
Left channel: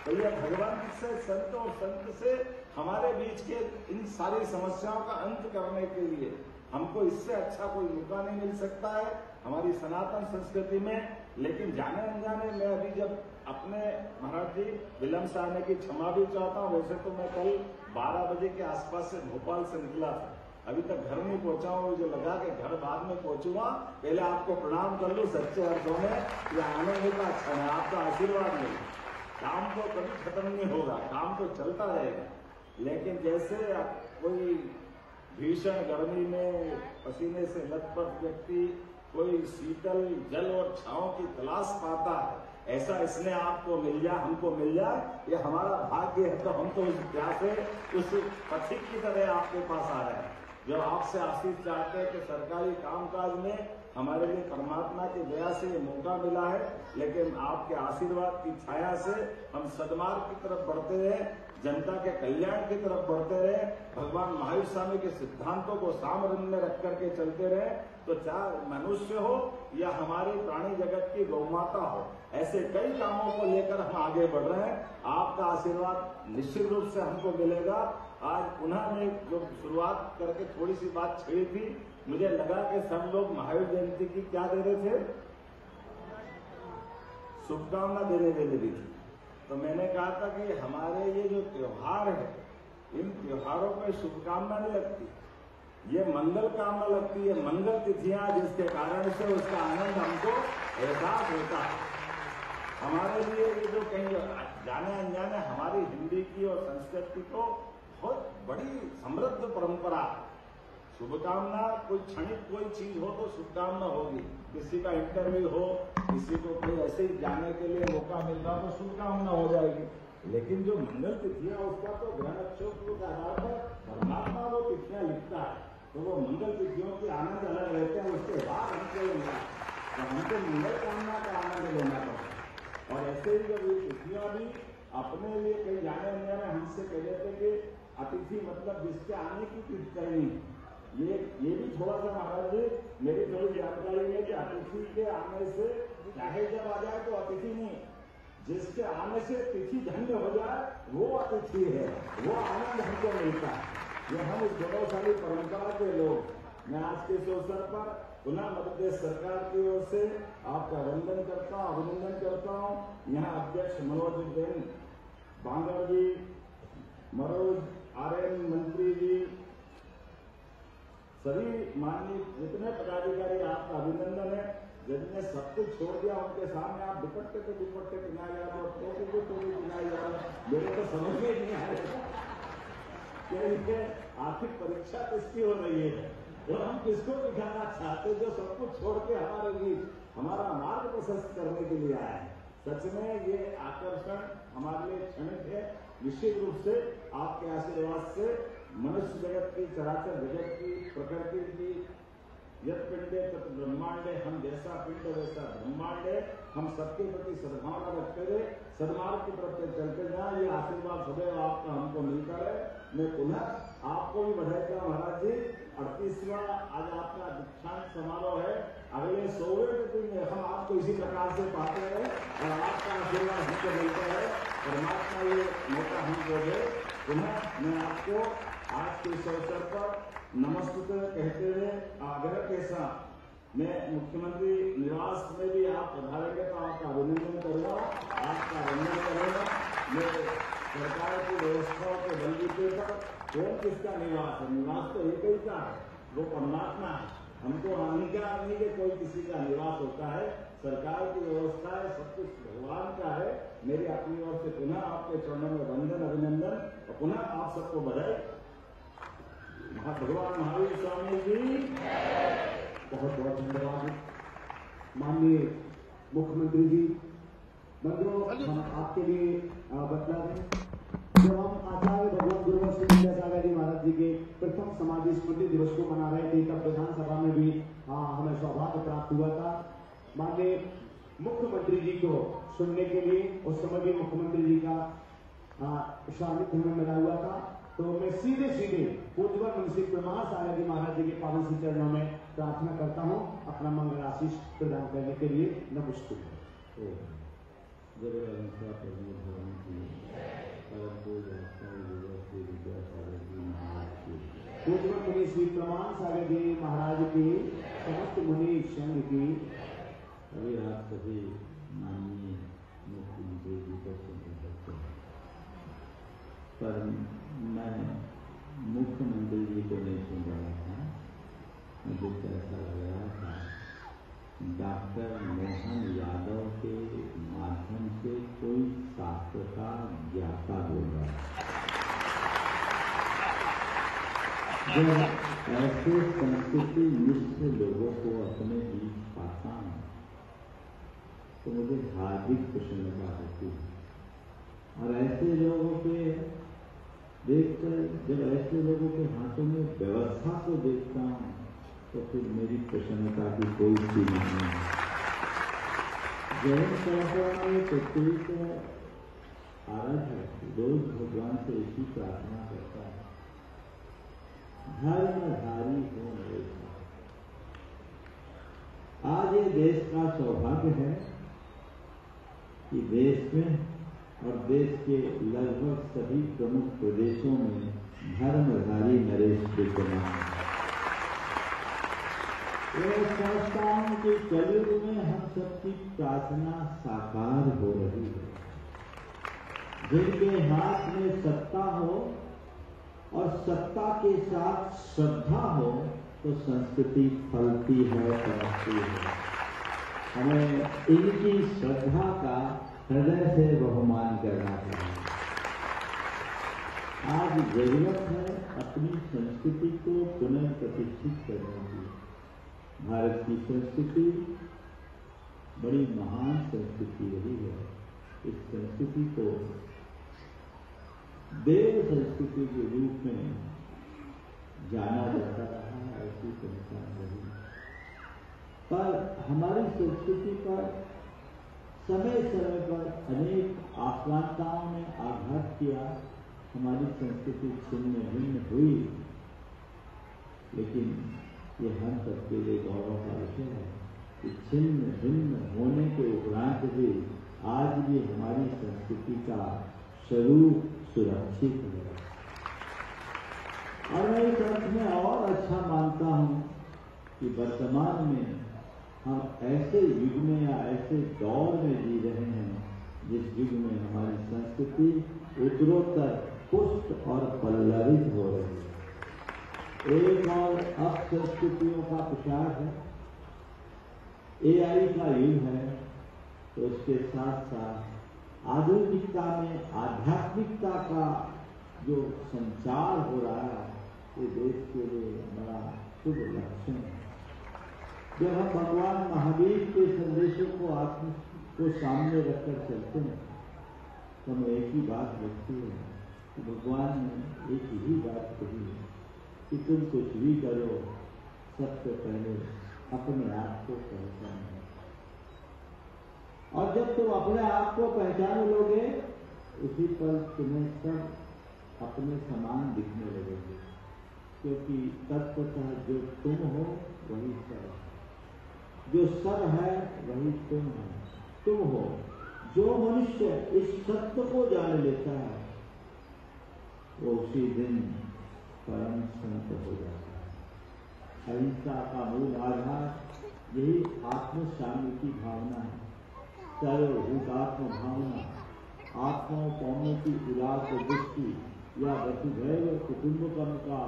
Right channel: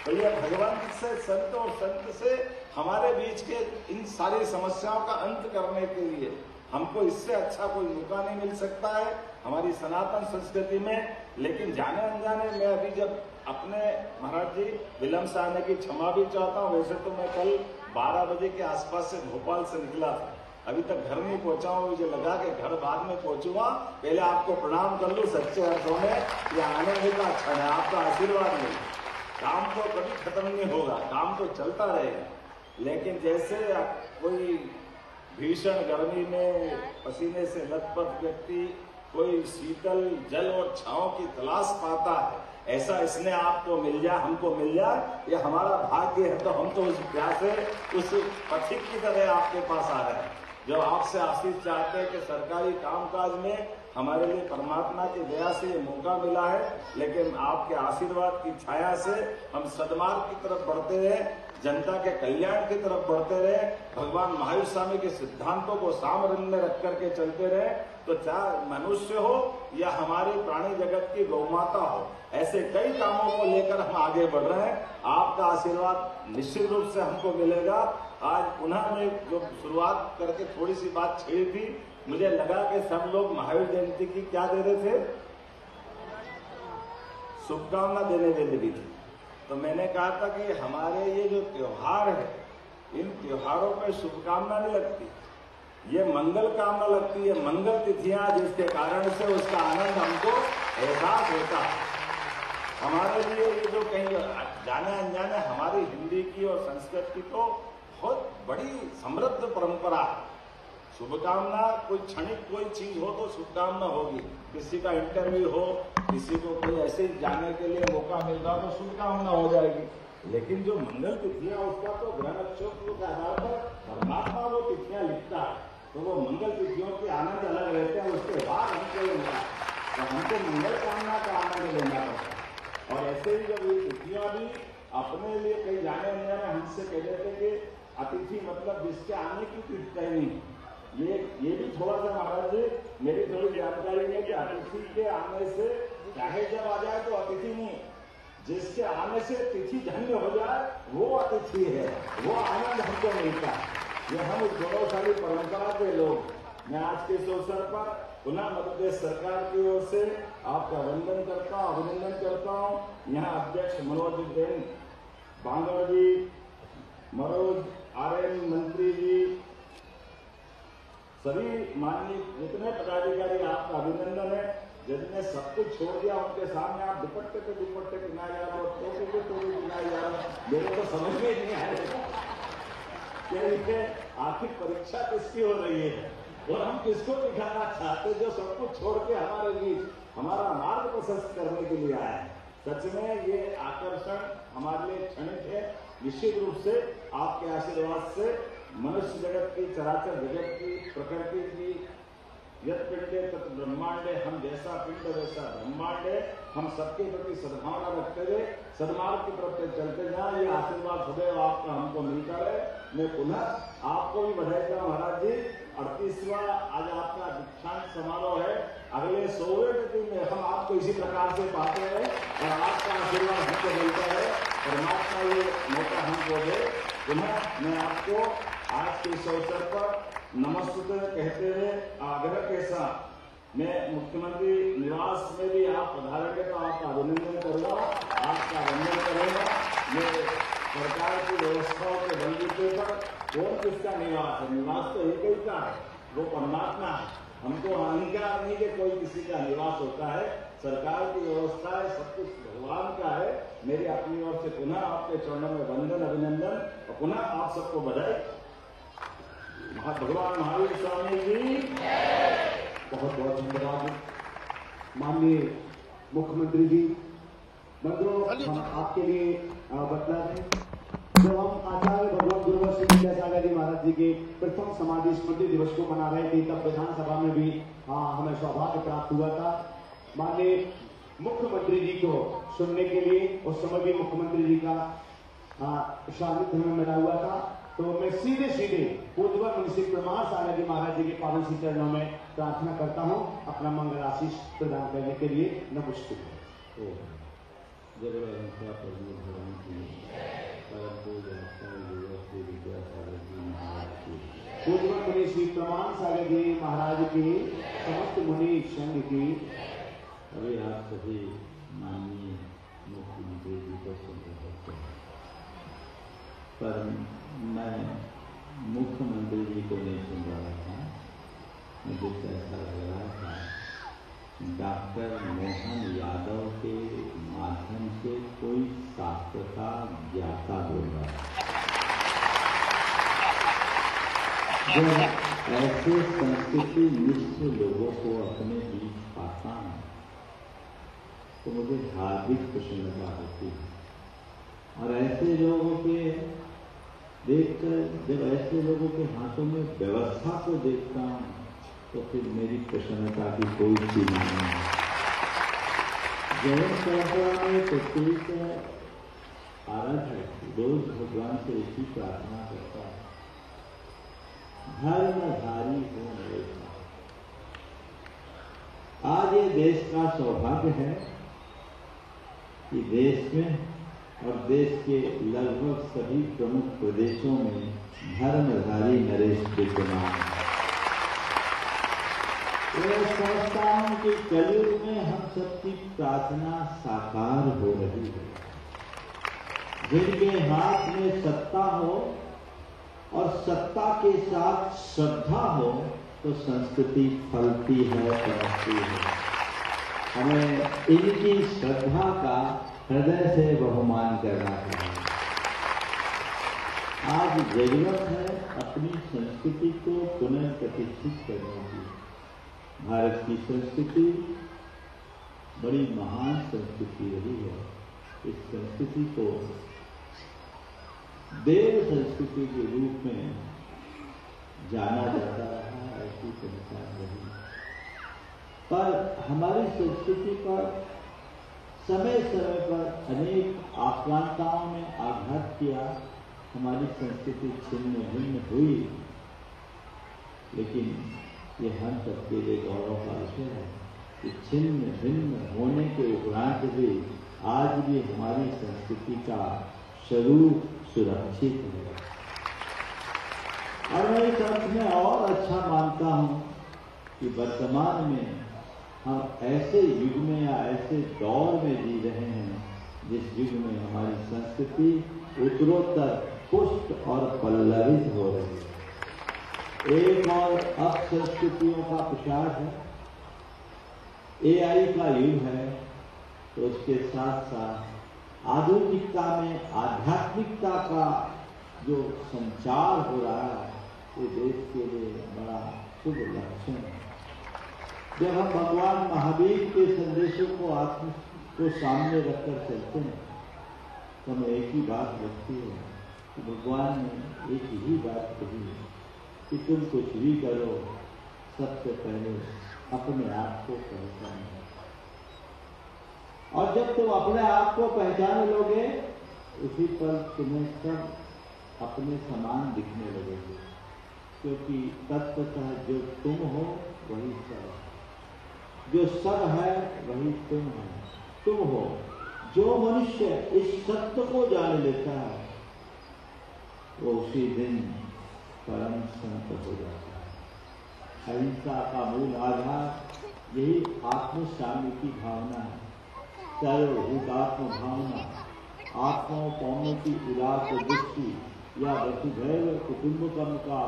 तो ये भगवंत से, संत और संत से हमारे बीच के इन सारी समस्याओं का अंत करने के लिए हमको इससे अच्छा कोई मौका नहीं मिल सकता है हमारी सनातन संस्कृति में। लेकिन जाने अनजाने मैं अभी जब अपने महाराज जी विलम्ब से आने की क्षमा भी चाहता हूँ। वैसे तो मैं कल 12 बजे के आसपास से भोपाल से निकला था, अभी तक घर नहीं पहुंचा हूँ। मुझे लगा कि घर बाद में पहुंचूंगा, पहले आपको प्रणाम कर लूँ। सच्चे अर्थों में ये आनंद का क्षण है, आपका आशीर्वाद मिले। काम तो कभी खत्म नहीं होगा, काम तो चलता रहेगा। लेकिन जैसे कोई भीषण गर्मी में पसीने से लथपथ व्यक्ति कोई शीतल जल और छांव की तलाश पाता है, ऐसा इसने आपको मिल जाए, हमको मिल जाए, ये हमारा भाग्य है। तो हम तो उस प्यासे, उस पथिक की तरह आपके पास आ रहे हैं जो आपसे आशीष चाहते हैं कि सरकारी कामकाज में हमारे लिए परमात्मा की दया से ये मौका मिला है। लेकिन आपके आशीर्वाद की छाया से हम सद्मार्ग की तरफ बढ़ते रहे, जनता के कल्याण की तरफ बढ़ते रहे, भगवान महावीर स्वामी के सिद्धांतों को सामने में रख करके चलते रहे। तो चाहे मनुष्य हो या हमारे प्राणी जगत की गौमाता हो, ऐसे कई कामों को लेकर हम आगे बढ़ रहे हैं। आपका आशीर्वाद निश्चित रूप से हमको मिलेगा। आज पुनः मैं जो शुरुआत करके थोड़ी सी बात छेड़ी थी, मुझे लगा कि सब लोग महावीर जयंती की क्या दे रहे थे, शुभकामना देने के लिए भी थी। तो मैंने कहा था कि हमारे ये जो त्योहार है, इन त्योहारों में शुभकामना नहीं लगती, ये मंगल कामना लगती है, मंगल तिथियां, जिसके कारण से उसका आनंद हमको एहसास होता है। हमारे लिए ये जो कहीं जाने अनजाने हमारी हिंदी की और संस्कृत की तो बहुत बड़ी समृद्ध परंपरा है। शुभकामना कोई क्षणिक कोई चीज हो तो शुभकामना होगी, किसी का इंटरव्यू हो, किसी को कोई ऐसे जाने के लिए मौका मिलता तो शुभकामना हो जाएगी। लेकिन जो मंगल तिथियां, उसका तो ग्रह नक्षत्र के आधार पर परमात्मा वो तिथियां लिखता है, तो वो मंगल तिथियों के आनंद अलग रहते हैं। उसके बाद हमको मिला तो हमको मंगल कामना का आनंद लेना पड़ता है। और ऐसे ही जब ये तिथियां भी अपने लिए कहीं जाने अनजाने हमसे कह देते कि अतिथि मतलब जिसके आने की तिथि तय नहीं, ये भी थोड़ा सा महाराज जी मेरी थोड़ी जानकारी है कि अतिथि के आने से चाहे जब आ जाए तो अतिथि नहीं, जिसके आने से तिथि धन्य हो जाए वो अतिथि है, वो आनंद हमको मिलता है। ये हम इस गौरवशाली परंपरा के लोग, मैं आज के इस अवसर पर पुनः मध्य प्रदेश सरकार की ओर से आपका वंदन करता हूँ, अभिनंदन करता हूँ। यहाँ अध्यक्ष मनोज जैन बांगड़ जी, मनोज आर्यन मंत्री जी, सभी माननीय जितने पदाधिकारी, आपका अभिनंदन है। जिनने सब कुछ छोड़ दिया उनके सामने आप दुपट्टे पे दुपट्टे गिनाए जा रहे हो, टोपी पे टोपी गिनाए जा रहे हो, मेरे तो समझ में ही नहीं आएगा कि आखिर परीक्षा किसकी हो रही है और हम किसको दिखाना चाहते, जो सब कुछ छोड़ के हमारे बीच हमारा मार्ग प्रशस्त करने के लिए आया है। सच में ये आकर्षण हमारे लिए क्षणिक है। निश्चित रूप से आपके आशीर्वाद से मनुष्य जगत की, चराचर जगत की, प्रकृति की, यत् पिंडे तत् ब्रह्मांडे, हम जैसा पिंड वैसा ब्रह्मांड है, हम सबके प्रति सद्भावना रखते हुए सद्मार्ग की तरफ चलते जाए। ये आशीर्वाद सदैव आपका हमको मिलता रहे। मैं पुनः आपको भी बधाई देता हूं महाराज जी। 38वां आज आपका दीक्षांत समारोह है। अगले 100वें दिन में हम आपको इसी प्रकार से पाते हैं और आपका आशीर्वाद हमको मिलता है। परमात्मा ये मौका हमको दे। पुनः मैं आपको आज के इस अवसर पर नमस्ते कहते हुए आग्रह के साथ मैं मुख्यमंत्री निवास में भी आप पधारेंगे तो आपका अभिनंदन करूंगा, आपका वंदन करूंगा। मैं सरकार की व्यवस्थाओं के बलबूते पर कौन किसका निवास है, निवास तो एक ही का है, वो परमात्मा है। हमको अहंकार नहीं कि कोई किसी का निवास होता है। सरकार की व्यवस्था है, सब कुछ भगवान का है। मेरी अपनी ओर से पुनः आपके चरणों में वंदन, अभिनंदन और पुनः आप सबको बधाई। भगवान महावीर स्वामी जी बहुत बहुत धन्यवाद। माननीय मुख्यमंत्री जी, बंधुओं हम आपके लिए बतला दें, जो हम आचार्य भगवान गुरुवर श्री विद्यासागर जी महाराज जी के प्रथम समाधि स्मृति दिवस को मना रहे थे, तब विधानसभा में भी हमें सौभाग्य प्राप्त हुआ था माननीय मुख्यमंत्री जी को सुनने के लिए। उस समय भी मुख्यमंत्री जी का सानिध्य हमें मिला हुआ था। तो मैं सीधे सीधे पूज्यवर मुंशी प्रमाण सागर जी महाराज जी के पावन श्री चरणों में प्रार्थना करता हूँ अपना मंगल आशीष प्रदान करने के लिए। नमस्ते। पूज्यवर मुनि श्री प्रमाण सागर जी महाराज की समस्त मुनि संघ की अभी आप सभी माननीय मुख्यमंत्री जी को सुन सकते हैं, पर मैं मुख्यमंत्री जी को नहीं सुन रहा था। मुझे तो ऐसा लग रहा था डॉक्टर मोहन यादव के माध्यम से कोई शास्त्र का ज्ञाता होगा। जब ऐसे संस्कृति निष्ठ लोगों को अपने बीच पाता है तो मुझे हार्दिक प्रसन्नता होती है। और ऐसे लोगों के देखकर, जब ऐसे लोगों के हाथों में व्यवस्था को देखता हूं तो फिर मेरी प्रसन्नता की कोई सीमा नहीं है। जैन परंपरा में प्रत्येक आराध्य रोज भगवान से इसी प्रार्थना करता है, धर्मधारी हो मेरे। आज ये देश का सौभाग्य है कि देश में और देश के लगभग सभी प्रमुख प्रदेशों में धर्मधारी नरेश के चुनाव मैं समझता हूं कि कलयुग में हम सबकी प्रार्थना साकार हो रही है। जिनके हाथ में सत्ता हो और सत्ता के साथ श्रद्धा हो तो संस्कृति फलती है, बढ़ती है। हमें इनकी श्रद्धा का हृदय से बहुमान करना चाहिए। आज जरूरत है अपनी संस्कृति को पुनर्प्रतिष्ठित करने की। भारत की संस्कृति बड़ी महान संस्कृति रही है। इस संस्कृति को देव संस्कृति के रूप में जाना जाता रहा, ऐसी पहचान रही। पर हमारी संस्कृति पर समय समय पर अनेक आक्रांताओं ने आघात किया, हमारी संस्कृति छिन्न भिन्न हुई। लेकिन ये हम सबके लिए गौरव का विषय है कि छिन्न भिन्न होने के उपरांत भी आज भी हमारी संस्कृति का स्वरूप सुरक्षित है। और मैं इस अर्थ में और अच्छा मानता हूं कि वर्तमान में हम ऐसे युग में या ऐसे दौर में जी रहे हैं जिस युग में हमारी संस्कृति उत्तरोत्तर पुष्ट और पल्लवित हो रही है। एक और अपसंस्कृतियों का प्रसार है, एआई का युग है, तो उसके साथ साथ आधुनिकता में आध्यात्मिकता का जो संचार हो रहा है वो देश के लिए बड़ा शुभ लक्षण है। जब हम भगवान महावीर के संदेशों को सामने रखकर चलते हैं तो हमें एक ही बात लगती है कि भगवान ने एक ही बात कही है कि तुम कुछ भी करो, सबसे पहले अपने आप को पहचानो। और जब तुम अपने आप को पहचान लोगे उसी पर तुम्हें सब अपने समान दिखने लगेंगे, क्योंकि तत्वतः जो तुम हो वही सब है, जो सब है वही तुम है, तुम हो। जो मनुष्य इस सत्य को जान लेता है वो उसी दिन परम संत हो जाता है। अहिंसा का मूल आधार यही आत्म शांति की भावना है। चाहे भूतात्म भावना, आत्मोपौमों की उदार दृष्टि या वसुधैव कुटुंबकम का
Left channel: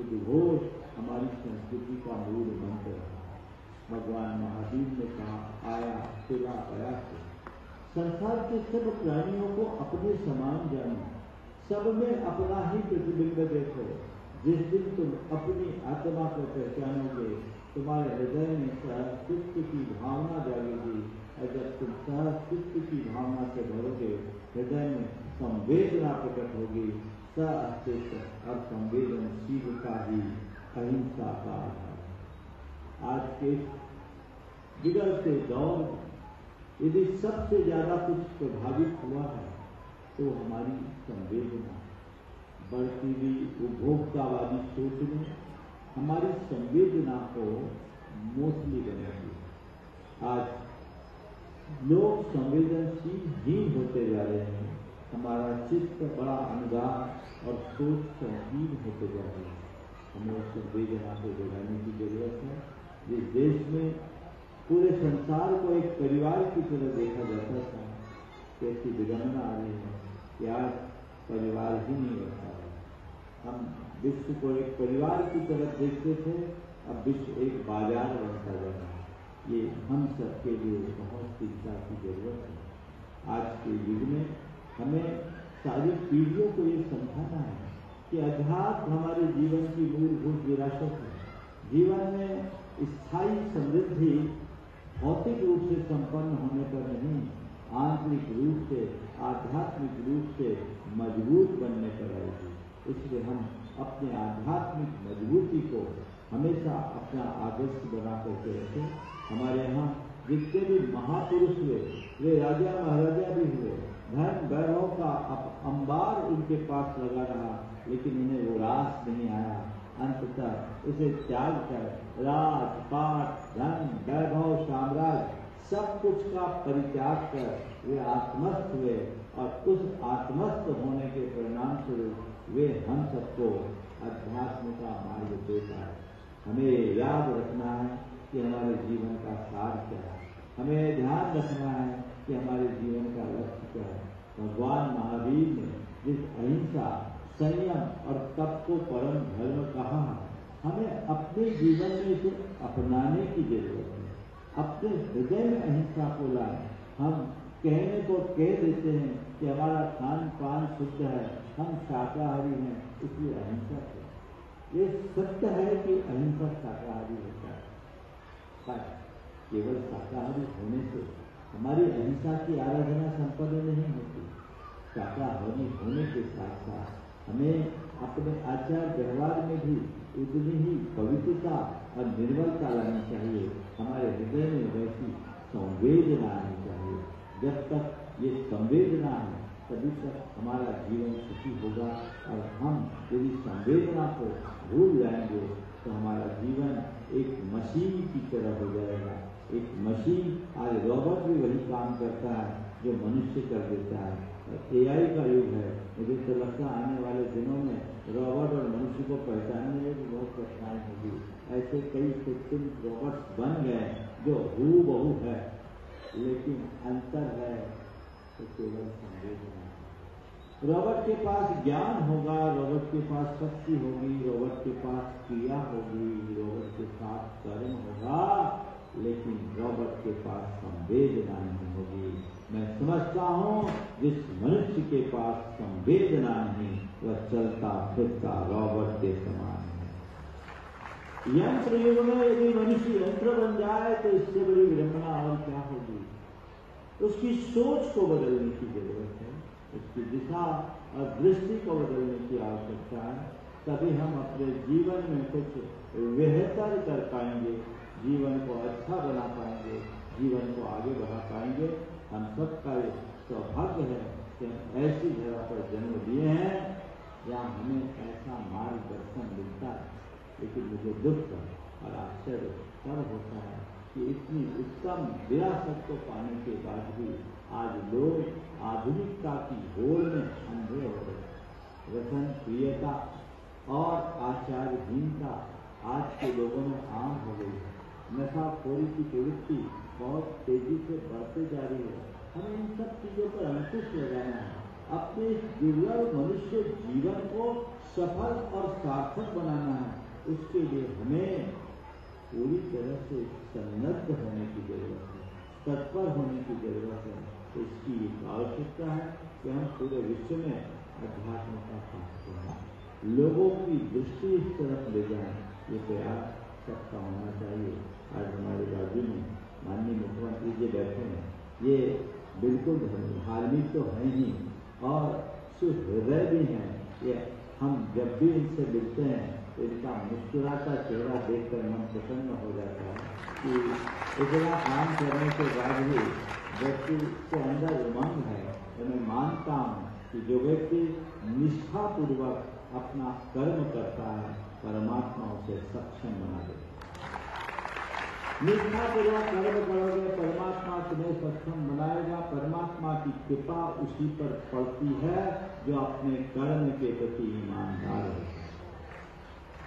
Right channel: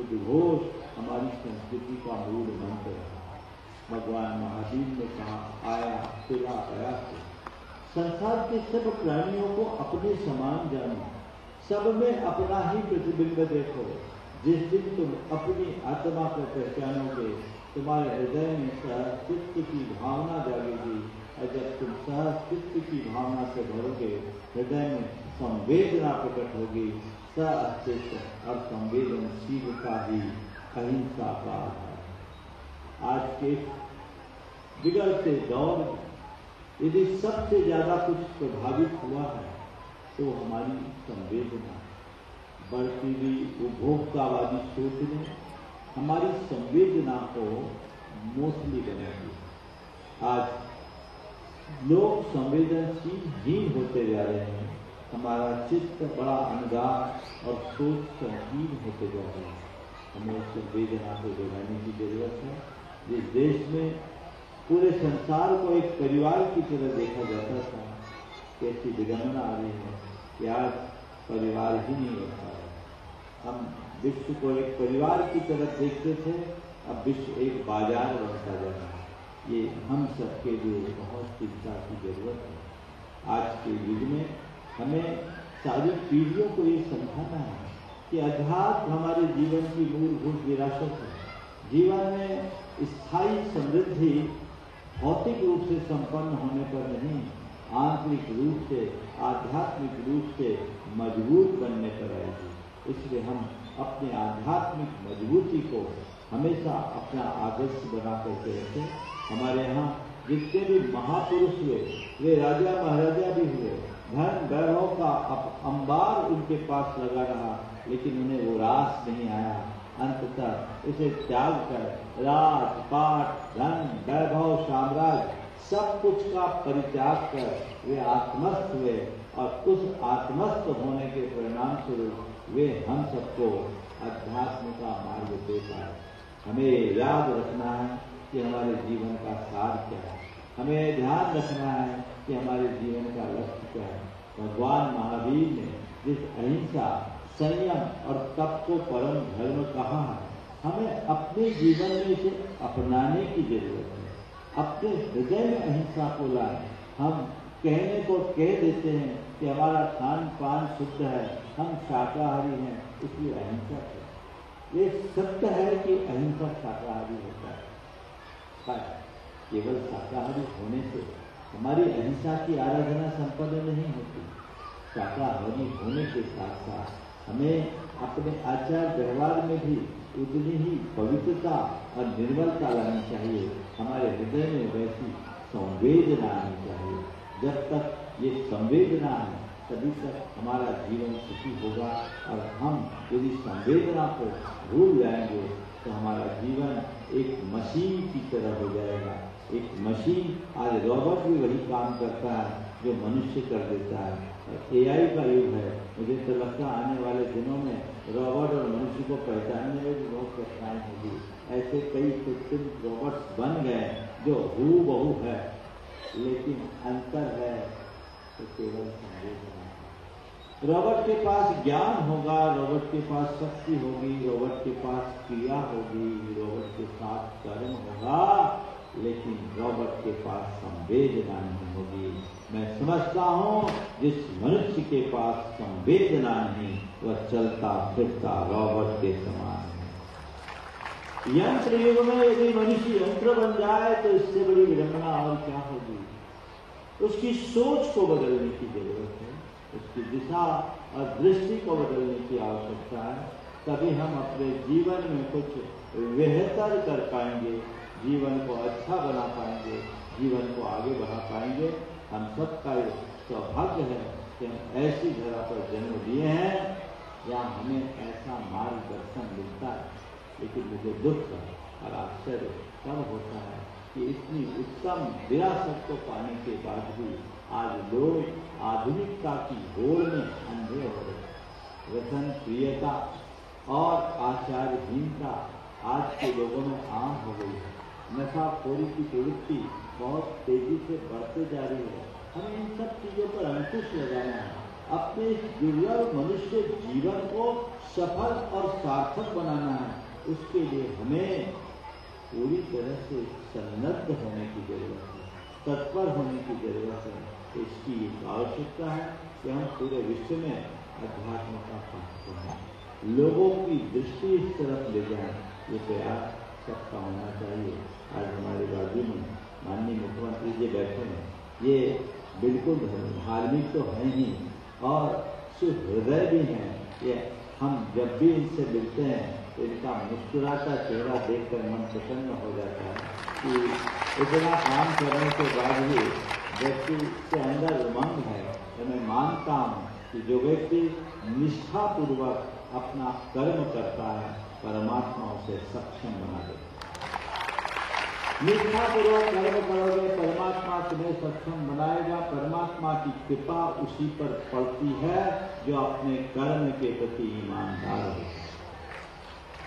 उद्घोष हमारी संस्कृति का मूल मंत्र है। भगवान महावीर ने कहा, आया तेरा प्रयास। संसार के सब प्राणियों को अपने समान जानो, सब में अपना ही प्रतिबिंब देखो। जिस दिन तुम अपनी आत्मा को पहचानोगे तुम्हारे हृदय में सहस्तित्व की भावना जागेगी, और जब तुम सहस्तित्व की भावना से भरोगे हृदय में संवेदना प्रकट होगी। सहस्तित्व और संवेदनशीलता ही अहिंसा का आधार है। आज के बिगड़ते दौर में यदि सबसे ज्यादा कुछ प्रभावित हुआ है तो हमारी संवेदना। बढ़ती हुई उपभोक्तावादी सोच ने हमारी संवेदना को मोसली बना दिया। आज लोग संवेदनशील होते जा रहे हैं। हमारा चित्त बड़ा अनुदान और सोच संकीर्ण होते जा रहे हैं। हमें संवेदना को बढ़ाने की जरूरत है। जिस देश में पूरे संसार को एक परिवार की तरह देखा जाता था, कैसी विडंबना आ रही है कि आज परिवार ही नहीं रहता है। हम विश्व को एक परिवार की तरह देखते थे, अब विश्व एक बाजार बनता जा रहा है। ये हम सबके लिए बहुत चिंता की जरूरत है। आज के युग में हमें सारी पीढ़ियों को ये समझाना है कि अध्यात्म हमारे जीवन की मूलभूत विरासत है। जीवन में स्थायी समृद्धि भौतिक रूप से संपन्न होने पर नहीं, आंतरिक रूप से, आध्यात्मिक रूप से मजबूत बनने पर आएगी। इसलिए हम अपने आध्यात्मिक मजबूती को हमेशा अपना आदर्श बना करके रखें। हमारे यहाँ जितने भी महापुरुष हुए वे राजा महाराजा भी हुए, धन वैभव का अंबार उनके पास लगा रहा, लेकिन उन्हें वो रास नहीं आया। अंततः उसे त्याग कर राजपाट, धन, वैभव, साम्राज्य सब कुछ का परित्याग कर वे आत्मस्थ हुए, और उस आत्मस्थ होने के परिणाम स्वरूप वे हम सबको अध्यात्म का मार्ग देता है। हमें याद रखना है कि हमारे जीवन का सार क्या है। हमें ध्यान रखना है कि हमारे जीवन का लक्ष्य क्या है। भगवान महावीर ने जिस अहिंसा, संयम और तप को परम धर्म कहा है, हमें अपने जीवन में इसे अपनाने की जरूरत है। अपने हृदय में अहिंसा को लाएं। हम कहने को कह देते हैं कि हमारा खान पान शुद्ध है, हम शाकाहारी हैं, इसलिए अहिंसा है। ये सत्य है कि अहिंसा शाकाहारी होता है। केवल शाकाहारी होने से हमारी अहिंसा की आराधना संपन्न नहीं होती। शाकाहारी होने के साथ साथ हमें अपने आचार व्यवहार में भी उतनी ही पवित्रता और निर्मलता लानी चाहिए। हमारे हृदय में वैसी संवेदना आनी चाहिए। जब तक ये संवेदना है तभी तक हमारा जीवन सुखी होगा। और हम यदि संवेदना को भूल जाएंगे तो हमारा जीवन एक मशीन की तरह हो जाएगा। एक मशीन, आज रोबोट भी वही काम करता है जो मनुष्य कर देता है। AI का युग है। मुझे तो लगता है आने वाले दिनों में रोबोट और मनुष्य को पहचानने में भी बहुत कठिनाई होगी। ऐसे कई कृत्रिम रोबोट्स बन गए जो हूबहू है, लेकिन अंतर है तो केवल संवेदना। रोबोट के पास ज्ञान होगा, रोबोट के पास शक्ति होगी, रोबोट के पास क्रिया होगी, रोबोट के पास कर्म होगा, लेकिन रोबोट के पास संवेदना नहीं होगी। मैं समझता हूँ जिस मनुष्य के पास संवेदना नहीं वह चलता फिरता रोबोट के समान है। यंत्र युग में यदि मनुष्य यंत्र बन जाए तो इससे बड़ी विडंबना और क्या होगी। उसकी सोच को बदलने की जरूरत है, उसकी दिशा और दृष्टि को बदलने की आवश्यकता है। तभी हम अपने जीवन में कुछ बेहतर कर पाएंगे, जीवन को अच्छा बना पाएंगे, जीवन को आगे बढ़ा पाएंगे। हम सबका सौभाग्य है कि हम ऐसी जगह पर जन्म लिए हैं जहाँ हमें ऐसा मार्गदर्शन मिलता है। लेकिन मुझे दुख और आश्चर्य तब होता है कि इतनी उत्तम विरासत को पाने के बाद भी आज लोग आधुनिकता की होड़ में अंधे हो रहे। व्यसन, प्रियता और आचारहीनता आज के लोगों में आम हो गई है। नशाखोरी की प्रवृत्ति बहुत तेजी से बढ़ते जा रही है। हमें इन सब चीजों पर अंकुश लगाना है। अपने दुर्लभ मनुष्य जीवन को सफल और सार्थक बनाना है। उसके लिए हमें पूरी तरह से सन्नद्ध होने की जरूरत है, तत्पर होने की जरूरत है। इसकी आवश्यकता है कि हम पूरे विश्व में अध्यात्म का पाठ करें, लोगों की दृष्टि इस तरफ ले जाएं। ये प्रयास सबका होना चाहिए। आज हमारे राज्य में माननीय मुख्यमंत्री जी बैठे हैं, ये बिल्कुल धार्मिक तो है ही और सिर्फ हृदय भी हैं। ये हम जब भी इनसे मिलते हैं तो इनका मुस्कुराता चेहरा देखकर मन प्रसन्न हो जाता है कि इतना काम करने के बाद भी व्यक्ति के अंदर उमंग है। तो मैं मानता हूँ कि जो व्यक्ति निष्ठापूर्वक अपना कर्म करता है, परमात्मा उसे सक्षम बना देता है। निष्ठापूर्वक कर्म करोगे, परमात्मा तुम्हें सक्षम बनाएगा। परमात्मा की कृपा उसी पर पड़ती है जो अपने कर्म के प्रति ईमानदार है।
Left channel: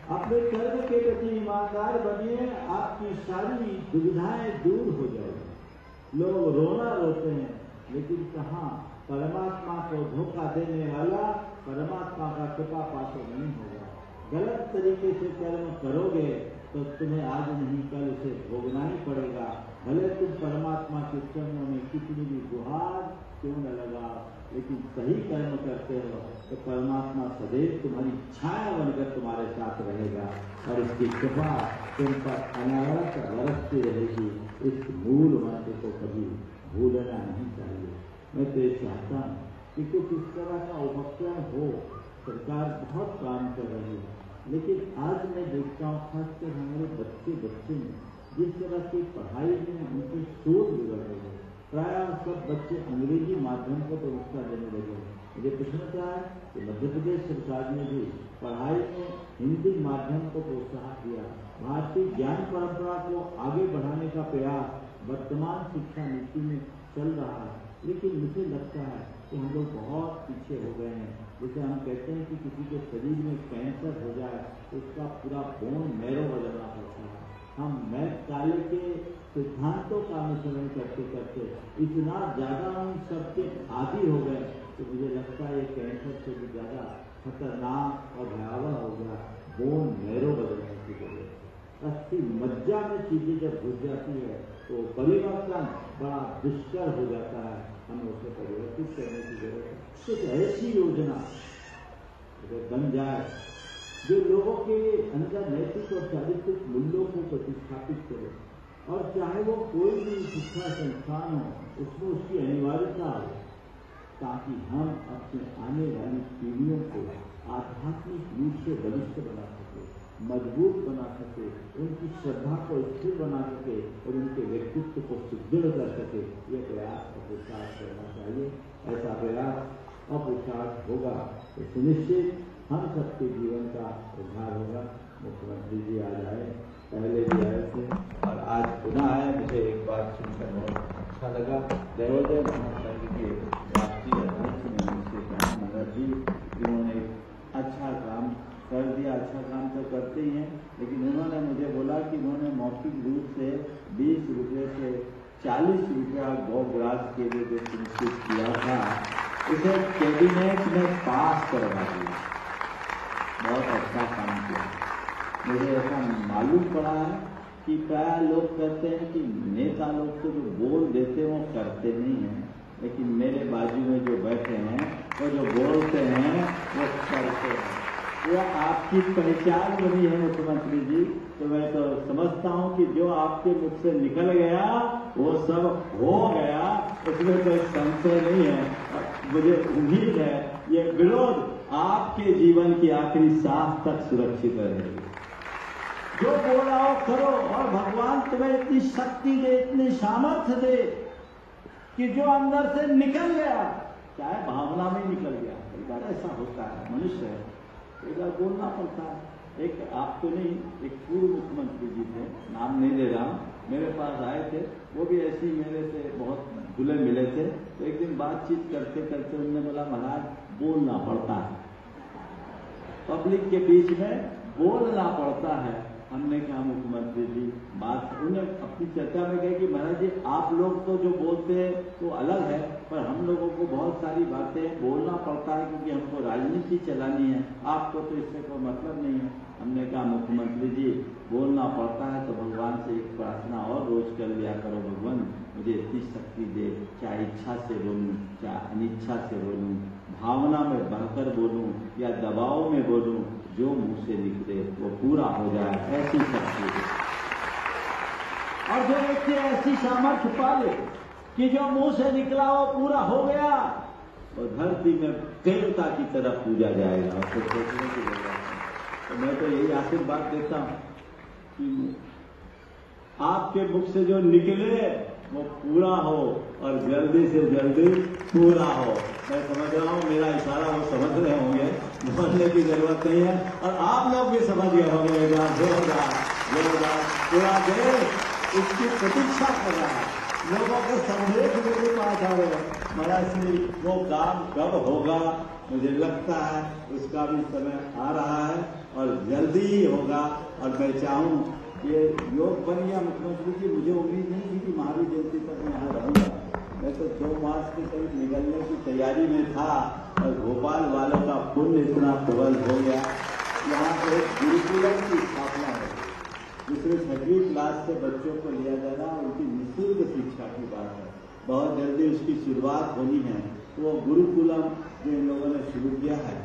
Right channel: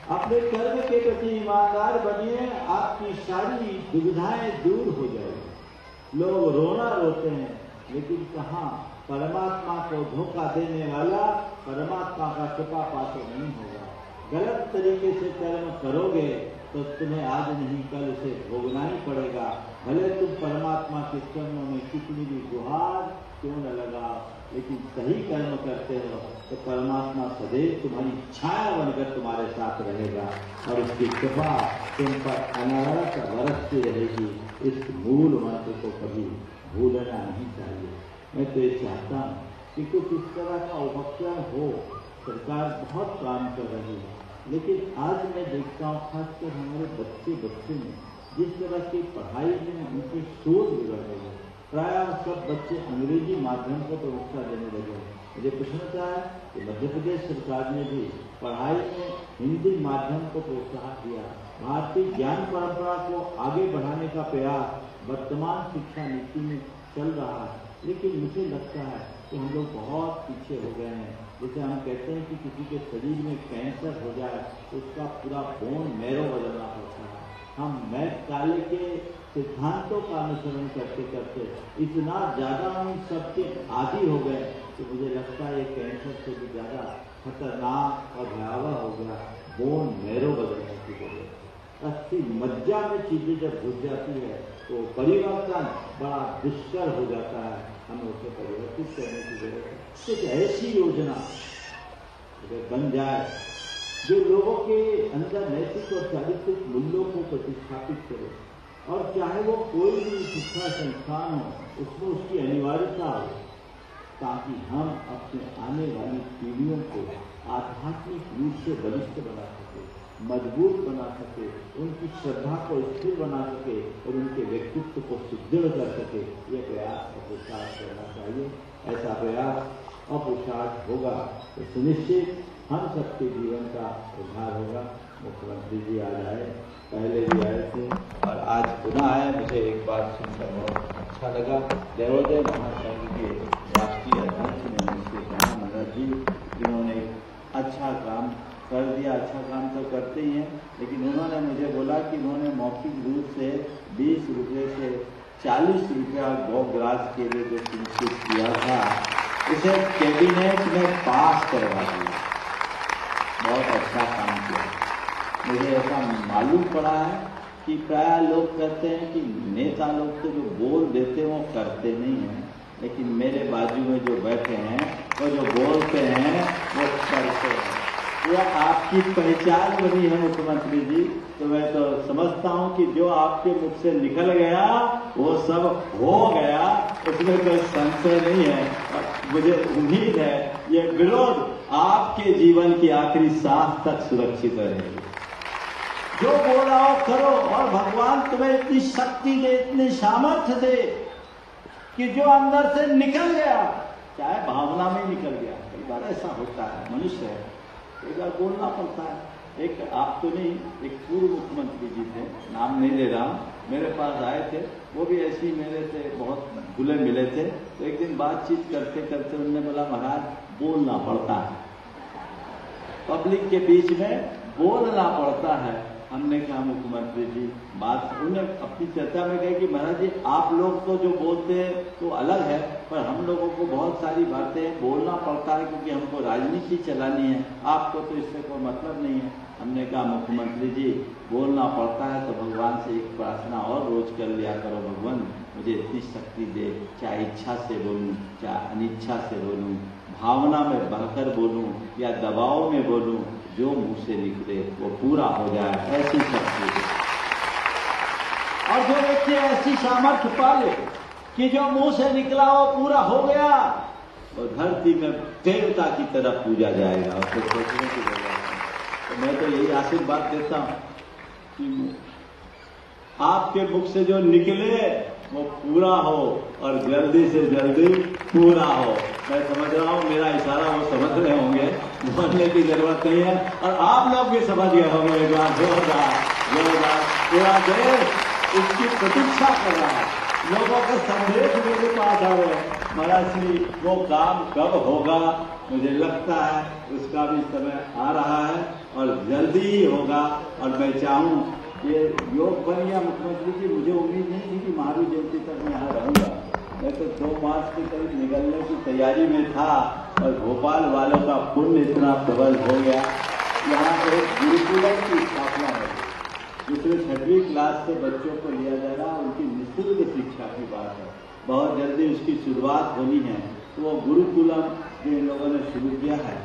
अपने कर्म के प्रति ईमानदार बनिए, आपकी सारी दुविधाएं दूर हो जाएगी। लोग रोना रोते हैं, लेकिन कहाँ परमात्मा को धोखा देने वाला परमात्मा का कृपा पात्र नहीं होगा। गलत तरीके से कर्म करोगे तो तुम्हें आज नहीं कल उसे भोगना ही पड़ेगा। भले तुम परमात्मा के चरणों में कितनी भी गुहार क्यों न लगा, लेकिन सही कर्म करते हो तो परमात्मा सदैव तुम्हारी छाया बनकर तुम्हारे साथ रहेगा और उसकी कृपा तुम पर अनवरत बरसती रहेगी। इस मूल मंत्र को कभी भूलना नहीं चाहिए। मैं तो ये चाहता हूँ कि कुछ इस तरह का उपक्रम हो। सरकार बहुत काम कर रही है, लेकिन आज मैं देखता हूँ खासकर हमारे बच्चे में जिस तरह की पढ़ाई में उनकी सोच बिगड़ रही है। प्रायः सब बच्चे अंग्रेजी माध्यम को प्रमुखता देने लगे हैं। मुझे पूछना है कि मध्य प्रदेश सरकार ने भी पढ़ाई में हिंदी माध्यम को प्रोत्साहन दिया। भारतीय ज्ञान परंपरा को आगे बढ़ाने का प्रयास वर्तमान शिक्षा नीति में चल रहा है, लेकिन मुझे लगता है कि हम लोग बहुत पीछे हो गए हैं। जैसे हम कहते हैं कि किसी के शरीर में कैंसर हो जाए तो उसका पूरा बोन मैरो बदलना पड़ता है। हम मैथ काले के सिद्धांतों का अनुसरण करते करते इतना ज्यादा हम सबके आदी हो गए कि मुझे लगता है कैंसर से भी ज्यादा खतरनाक और भयावह हो गया बोन मैरो बदलने की जरूरत है। अस्थि मज्जा में चीजें जब घुस जाती है तो परिवर्तन बड़ा दुष्कर हो जाता है। हमें उसे परिवर्तित करने की जरूरत है। कुछ ऐसी योजना अगर बन जाए जो लोगों के अंदर नैतिक और चारित्रिक मूल्यों को प्रतिस्थापित करे, और चाहे वो कोई भी शिक्षा संस्थान हो उसमें उसकी अनिवार्यता हो, ताकि हम अपने आने वाली पीढ़ियों को आध्यात्मिक रूप से बलिष्ठ बना सके, मजबूत बना सके, उनकी श्रद्धा को स्थिर बना सके और उनके व्यक्तित्व को सुदृढ़ कर सके। ये प्रयास और पुरुषार्थ करना चाहिए। ऐसा प्रयास और पुरुषार्थ होगा तो सुनिश्चित हम सबके जीवन का उद्धार होगा। मुख्यमंत्री जी आज आए, पहले भी आए थे और आज पुनः आए। मुझे एक बात सुनकर बहुत अच्छा लगा। देवोदय महासंघ के राष्ट्रीय अध्यक्ष ने मुझसे कहा, महाराज जी जिन्होंने अच्छा काम कर दिया, अच्छा काम तो करते ही हैं, लेकिन उन्होंने मुझे बोला कि उन्होंने मौखिक रूप से 20 रुपये से 40 रुपया गौग्रास के लिए जो सुनिश्चित किया था उसे कैबिनेट में पास करवा दिया। बहुत अच्छा काम किया। मुझे ऐसा मालूम पड़ा है कि प्राय लोग कहते हैं कि नेता लोग तो जो बोल देते हैं वो करते नहीं हैं, लेकिन मेरे बाजू में जो बैठे हैं वो जो बोलते हैं वो करते हैं। यह आपकी पहचान बनी है मुख्यमंत्री जी। तो मैं तो समझता हूँ कि जो आपके मुख से निकल गया वो सब हो गया, उसमें कोई संशय नहीं है। मुझे उम्मीद है ये विरोध आपके जीवन की आखिरी सांस तक सुरक्षित रहेगी। जो बोला हो करो, और भगवान तुम्हें इतनी शक्ति दे, इतनी सामर्थ्य दे कि जो अंदर से निकल गया, चाहे भावना में निकल गया, कई बार ऐसा होता है, मनुष्य है, कई बार बोलना पड़ता है। एक आप तो नहीं, एक पूर्व मुख्यमंत्री जी थे, नाम नहीं ले रहा, मेरे पास आए थे, वो भी ऐसे ही मेरे से बहुत खुले मिले थे। तो एक दिन बातचीत करते करते उन्होंने बोला, महाराज बोलना पड़ता है, पब्लिक के बीच में बोलना पड़ता है। हमने कहा मुख्यमंत्री जी बात, उन्हें अपनी चर्चा में कहा कि महाराज जी आप लोग तो जो बोलते हैं तो अलग है, पर हम लोगों को बहुत सारी बातें बोलना पड़ता है क्योंकि हमको राजनीति चलानी है, आपको तो इससे कोई मतलब नहीं है। हमने कहा मुख्यमंत्री जी बोलना पड़ता है तो भगवान से एक प्रार्थना और रोज कर लिया करो, भगवान मुझे इतनी शक्ति दे, चाहे इच्छा से बोलूं चाहे अनिच्छा से बोलूं, भावना में बहकर बोलूं या दबाव में बोलूं, जो मुंह से निकले वो पूरा हो जाए, ऐसी शक्ति दे। और जो व्यक्ति ऐसी सामर्थ्य पाले कि जो मुंह से निकला वो पूरा हो गया, और धरती में देवता की तरह पूजा जाएगा। और तो सोचने की जरूरत है। तो मैं तो यही आशीर्वाद देता हूं कि आपके मुख से जो निकले वो पूरा हो और जल्दी से जल्दी पूरा हो। मैं समझ रहा हूँ मेरा इशारा वो समझ रहे होंगे, बोलने की जरूरत नहीं है, और आप लोग भी समझ गए होंगे। एक बार पूरा देश इसकी प्रतीक्षा कर रहा है, लोगों को संदेश मेरे पास आ रहे हैं, महाराज श्री वो काम कब होगा, मुझे लगता है उसका भी समय आ रहा है और जल्दी ही होगा। और मैं चाहूँ ये योग बन गया मुख्यमंत्री जी, मुझे उम्मीद नहीं थी कि महावीर जयंती तक मैं यहाँ रहूंगा। मैं तो 2 मार्च के करीब निकलने की तैयारी में था और भोपाल वालों का पुण्य इतना प्रबल हो गया। यहाँ पर एक गुरुकुलम की स्थापना है जिसमें 6वीं क्लास से बच्चों को लिया जा रहा है, उनकी निःशुल्क शिक्षा की बात है। बहुत जल्दी उसकी शुरुआत होनी है। तो वो गुरुकुलम जो इन लोगों ने शुरू किया है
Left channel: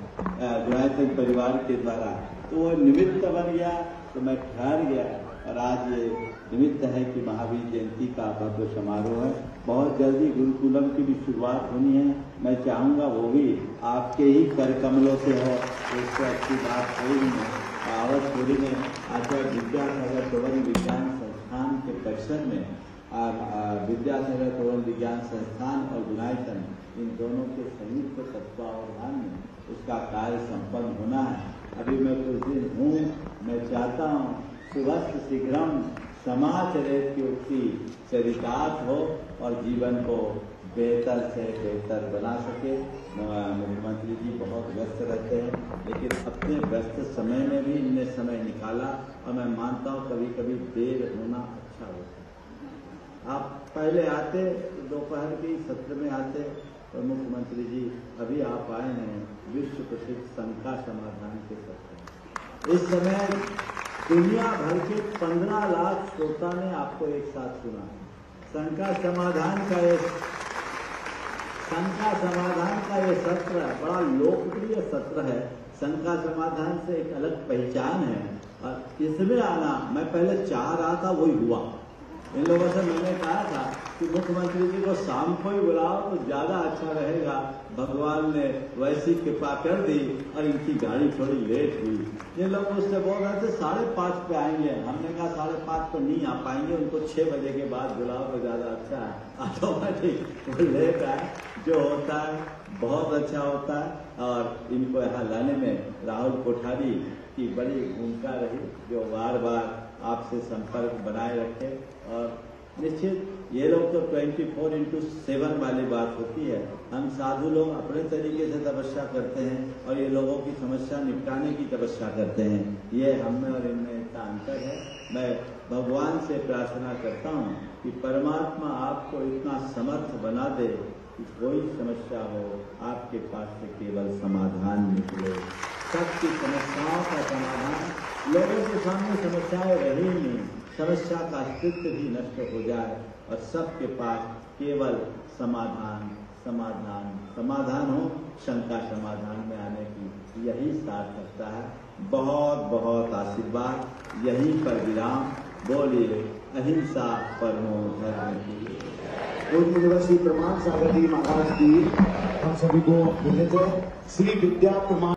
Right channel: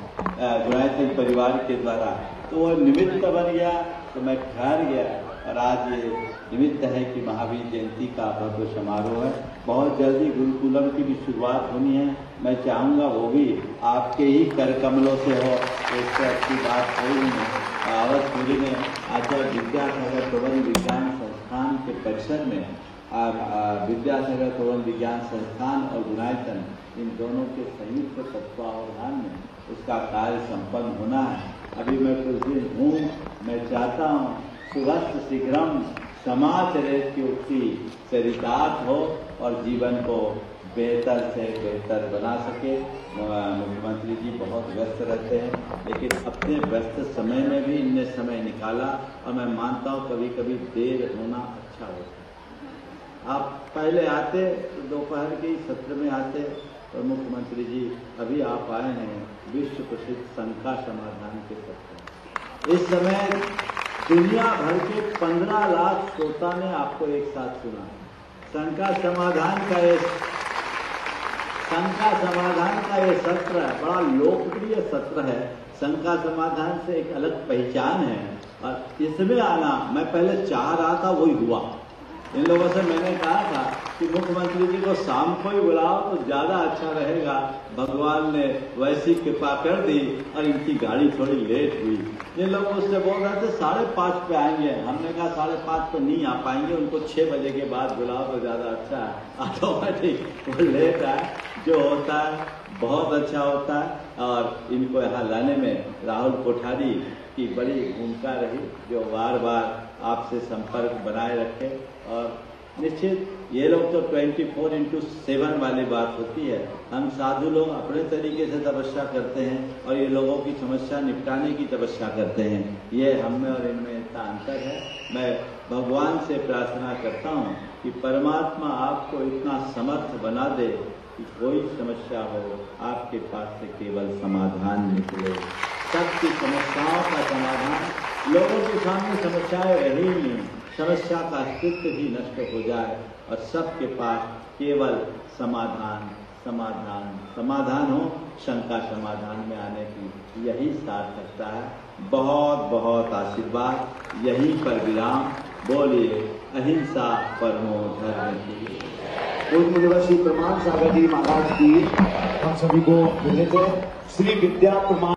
गायत्री परिवार के द्वारा, तो वो निमित्त बन गया, तो मैं ठहर गया। और आज ये निमित्त है कि महावीर जयंती का भव्य समारोह है। बहुत जल्दी गुरुकुलम की भी शुरुआत होनी है। मैं चाहूँगा वो भी आपके ही कर कमलों से हो, इससे अच्छी बात कोई नहीं। आवतपुरी में आचार्य विद्यासागर प्रबंध विज्ञान संस्थान के परिसर में विद्यासागर प्रबंध विज्ञान संस्थान और गुणायतन इन दोनों के संयुक्त तत्वावधान में उसका कार्य संपन्न होना है। अभी मैं कुछ दिन हूँ, मैं चाहता हूँ सुरस्त शीघ्रम समाचरित की उक्ति चरितार्थ हो और जीवन को बेहतर से बेहतर बना सके। मुख्यमंत्री जी बहुत व्यस्त रहते हैं, लेकिन अपने व्यस्त समय में भी इनने समय निकाला और मैं मानता हूं कभी कभी देर होना अच्छा होता है। आप पहले आते तो दोपहर के सत्र में आते, तो मुख्यमंत्री जी अभी आप आए हैं विश्व प्रसिद्ध शंका समाधान के सत्र। इस समय दुनिया भर के 15 लाख श्रोता ने आपको एक साथ सुना। शंका समाधान का ये सत्र है, बड़ा लोकप्रिय सत्र है। शंका समाधान से एक अलग पहचान है और इसमें आना मैं पहले चाह रहा था, वही हुआ। इन लोगों से मैंने कहा था कि मुख्यमंत्री जी को शाम को ही बुलाओ तो ज्यादा अच्छा रहेगा। भगवान ने वैसी कृपा कर दी और इनकी गाड़ी थोड़ी लेट हुई। इन लोग उससे बोल रहे थे 5:30 पे आएंगे, हमने कहा 5:30 पे नहीं आ पाएंगे, उनको 6 बजे के बाद बुलाओ तो ज्यादा अच्छा है। ऑटोमेटिक वो लेट आए, जो होता है बहुत अच्छा होता है। और इनको यहाँ लाने में राहुल कोठारी की बड़ी भूमिका रही, जो बार बार आपसे संपर्क बनाए रखे। और निश्चित ये लोग तो 24/7 वाली बात होती है। हम साधु लोग अपने तरीके से तपस्या करते हैं और ये लोगों की समस्या निपटाने की तपस्या करते हैं। ये हम में और इनमें इतना अंतर है। मैं भगवान से प्रार्थना करता हूँ कि परमात्मा आपको इतना समर्थ बना दे कि कोई समस्या हो आपके पास से केवल समाधान निकले। सबकी समस्याओं का समाधान, लोगों के सामने समस्याएं रही नहीं, समस्या का अस्तित्व ही नष्ट हो जाए और सबके पास केवल समाधान हो। शंका समाधान में आने की यही सार्थकता है। बहुत बहुत आशीर्वाद। यहीं पर विराम। बोलिए अहिंसा परमो धर्म की। पूर्व निवासी प्रमाण सागर जी महाराज की हम सभी को मिले थे। श्री विद्या प्रमाण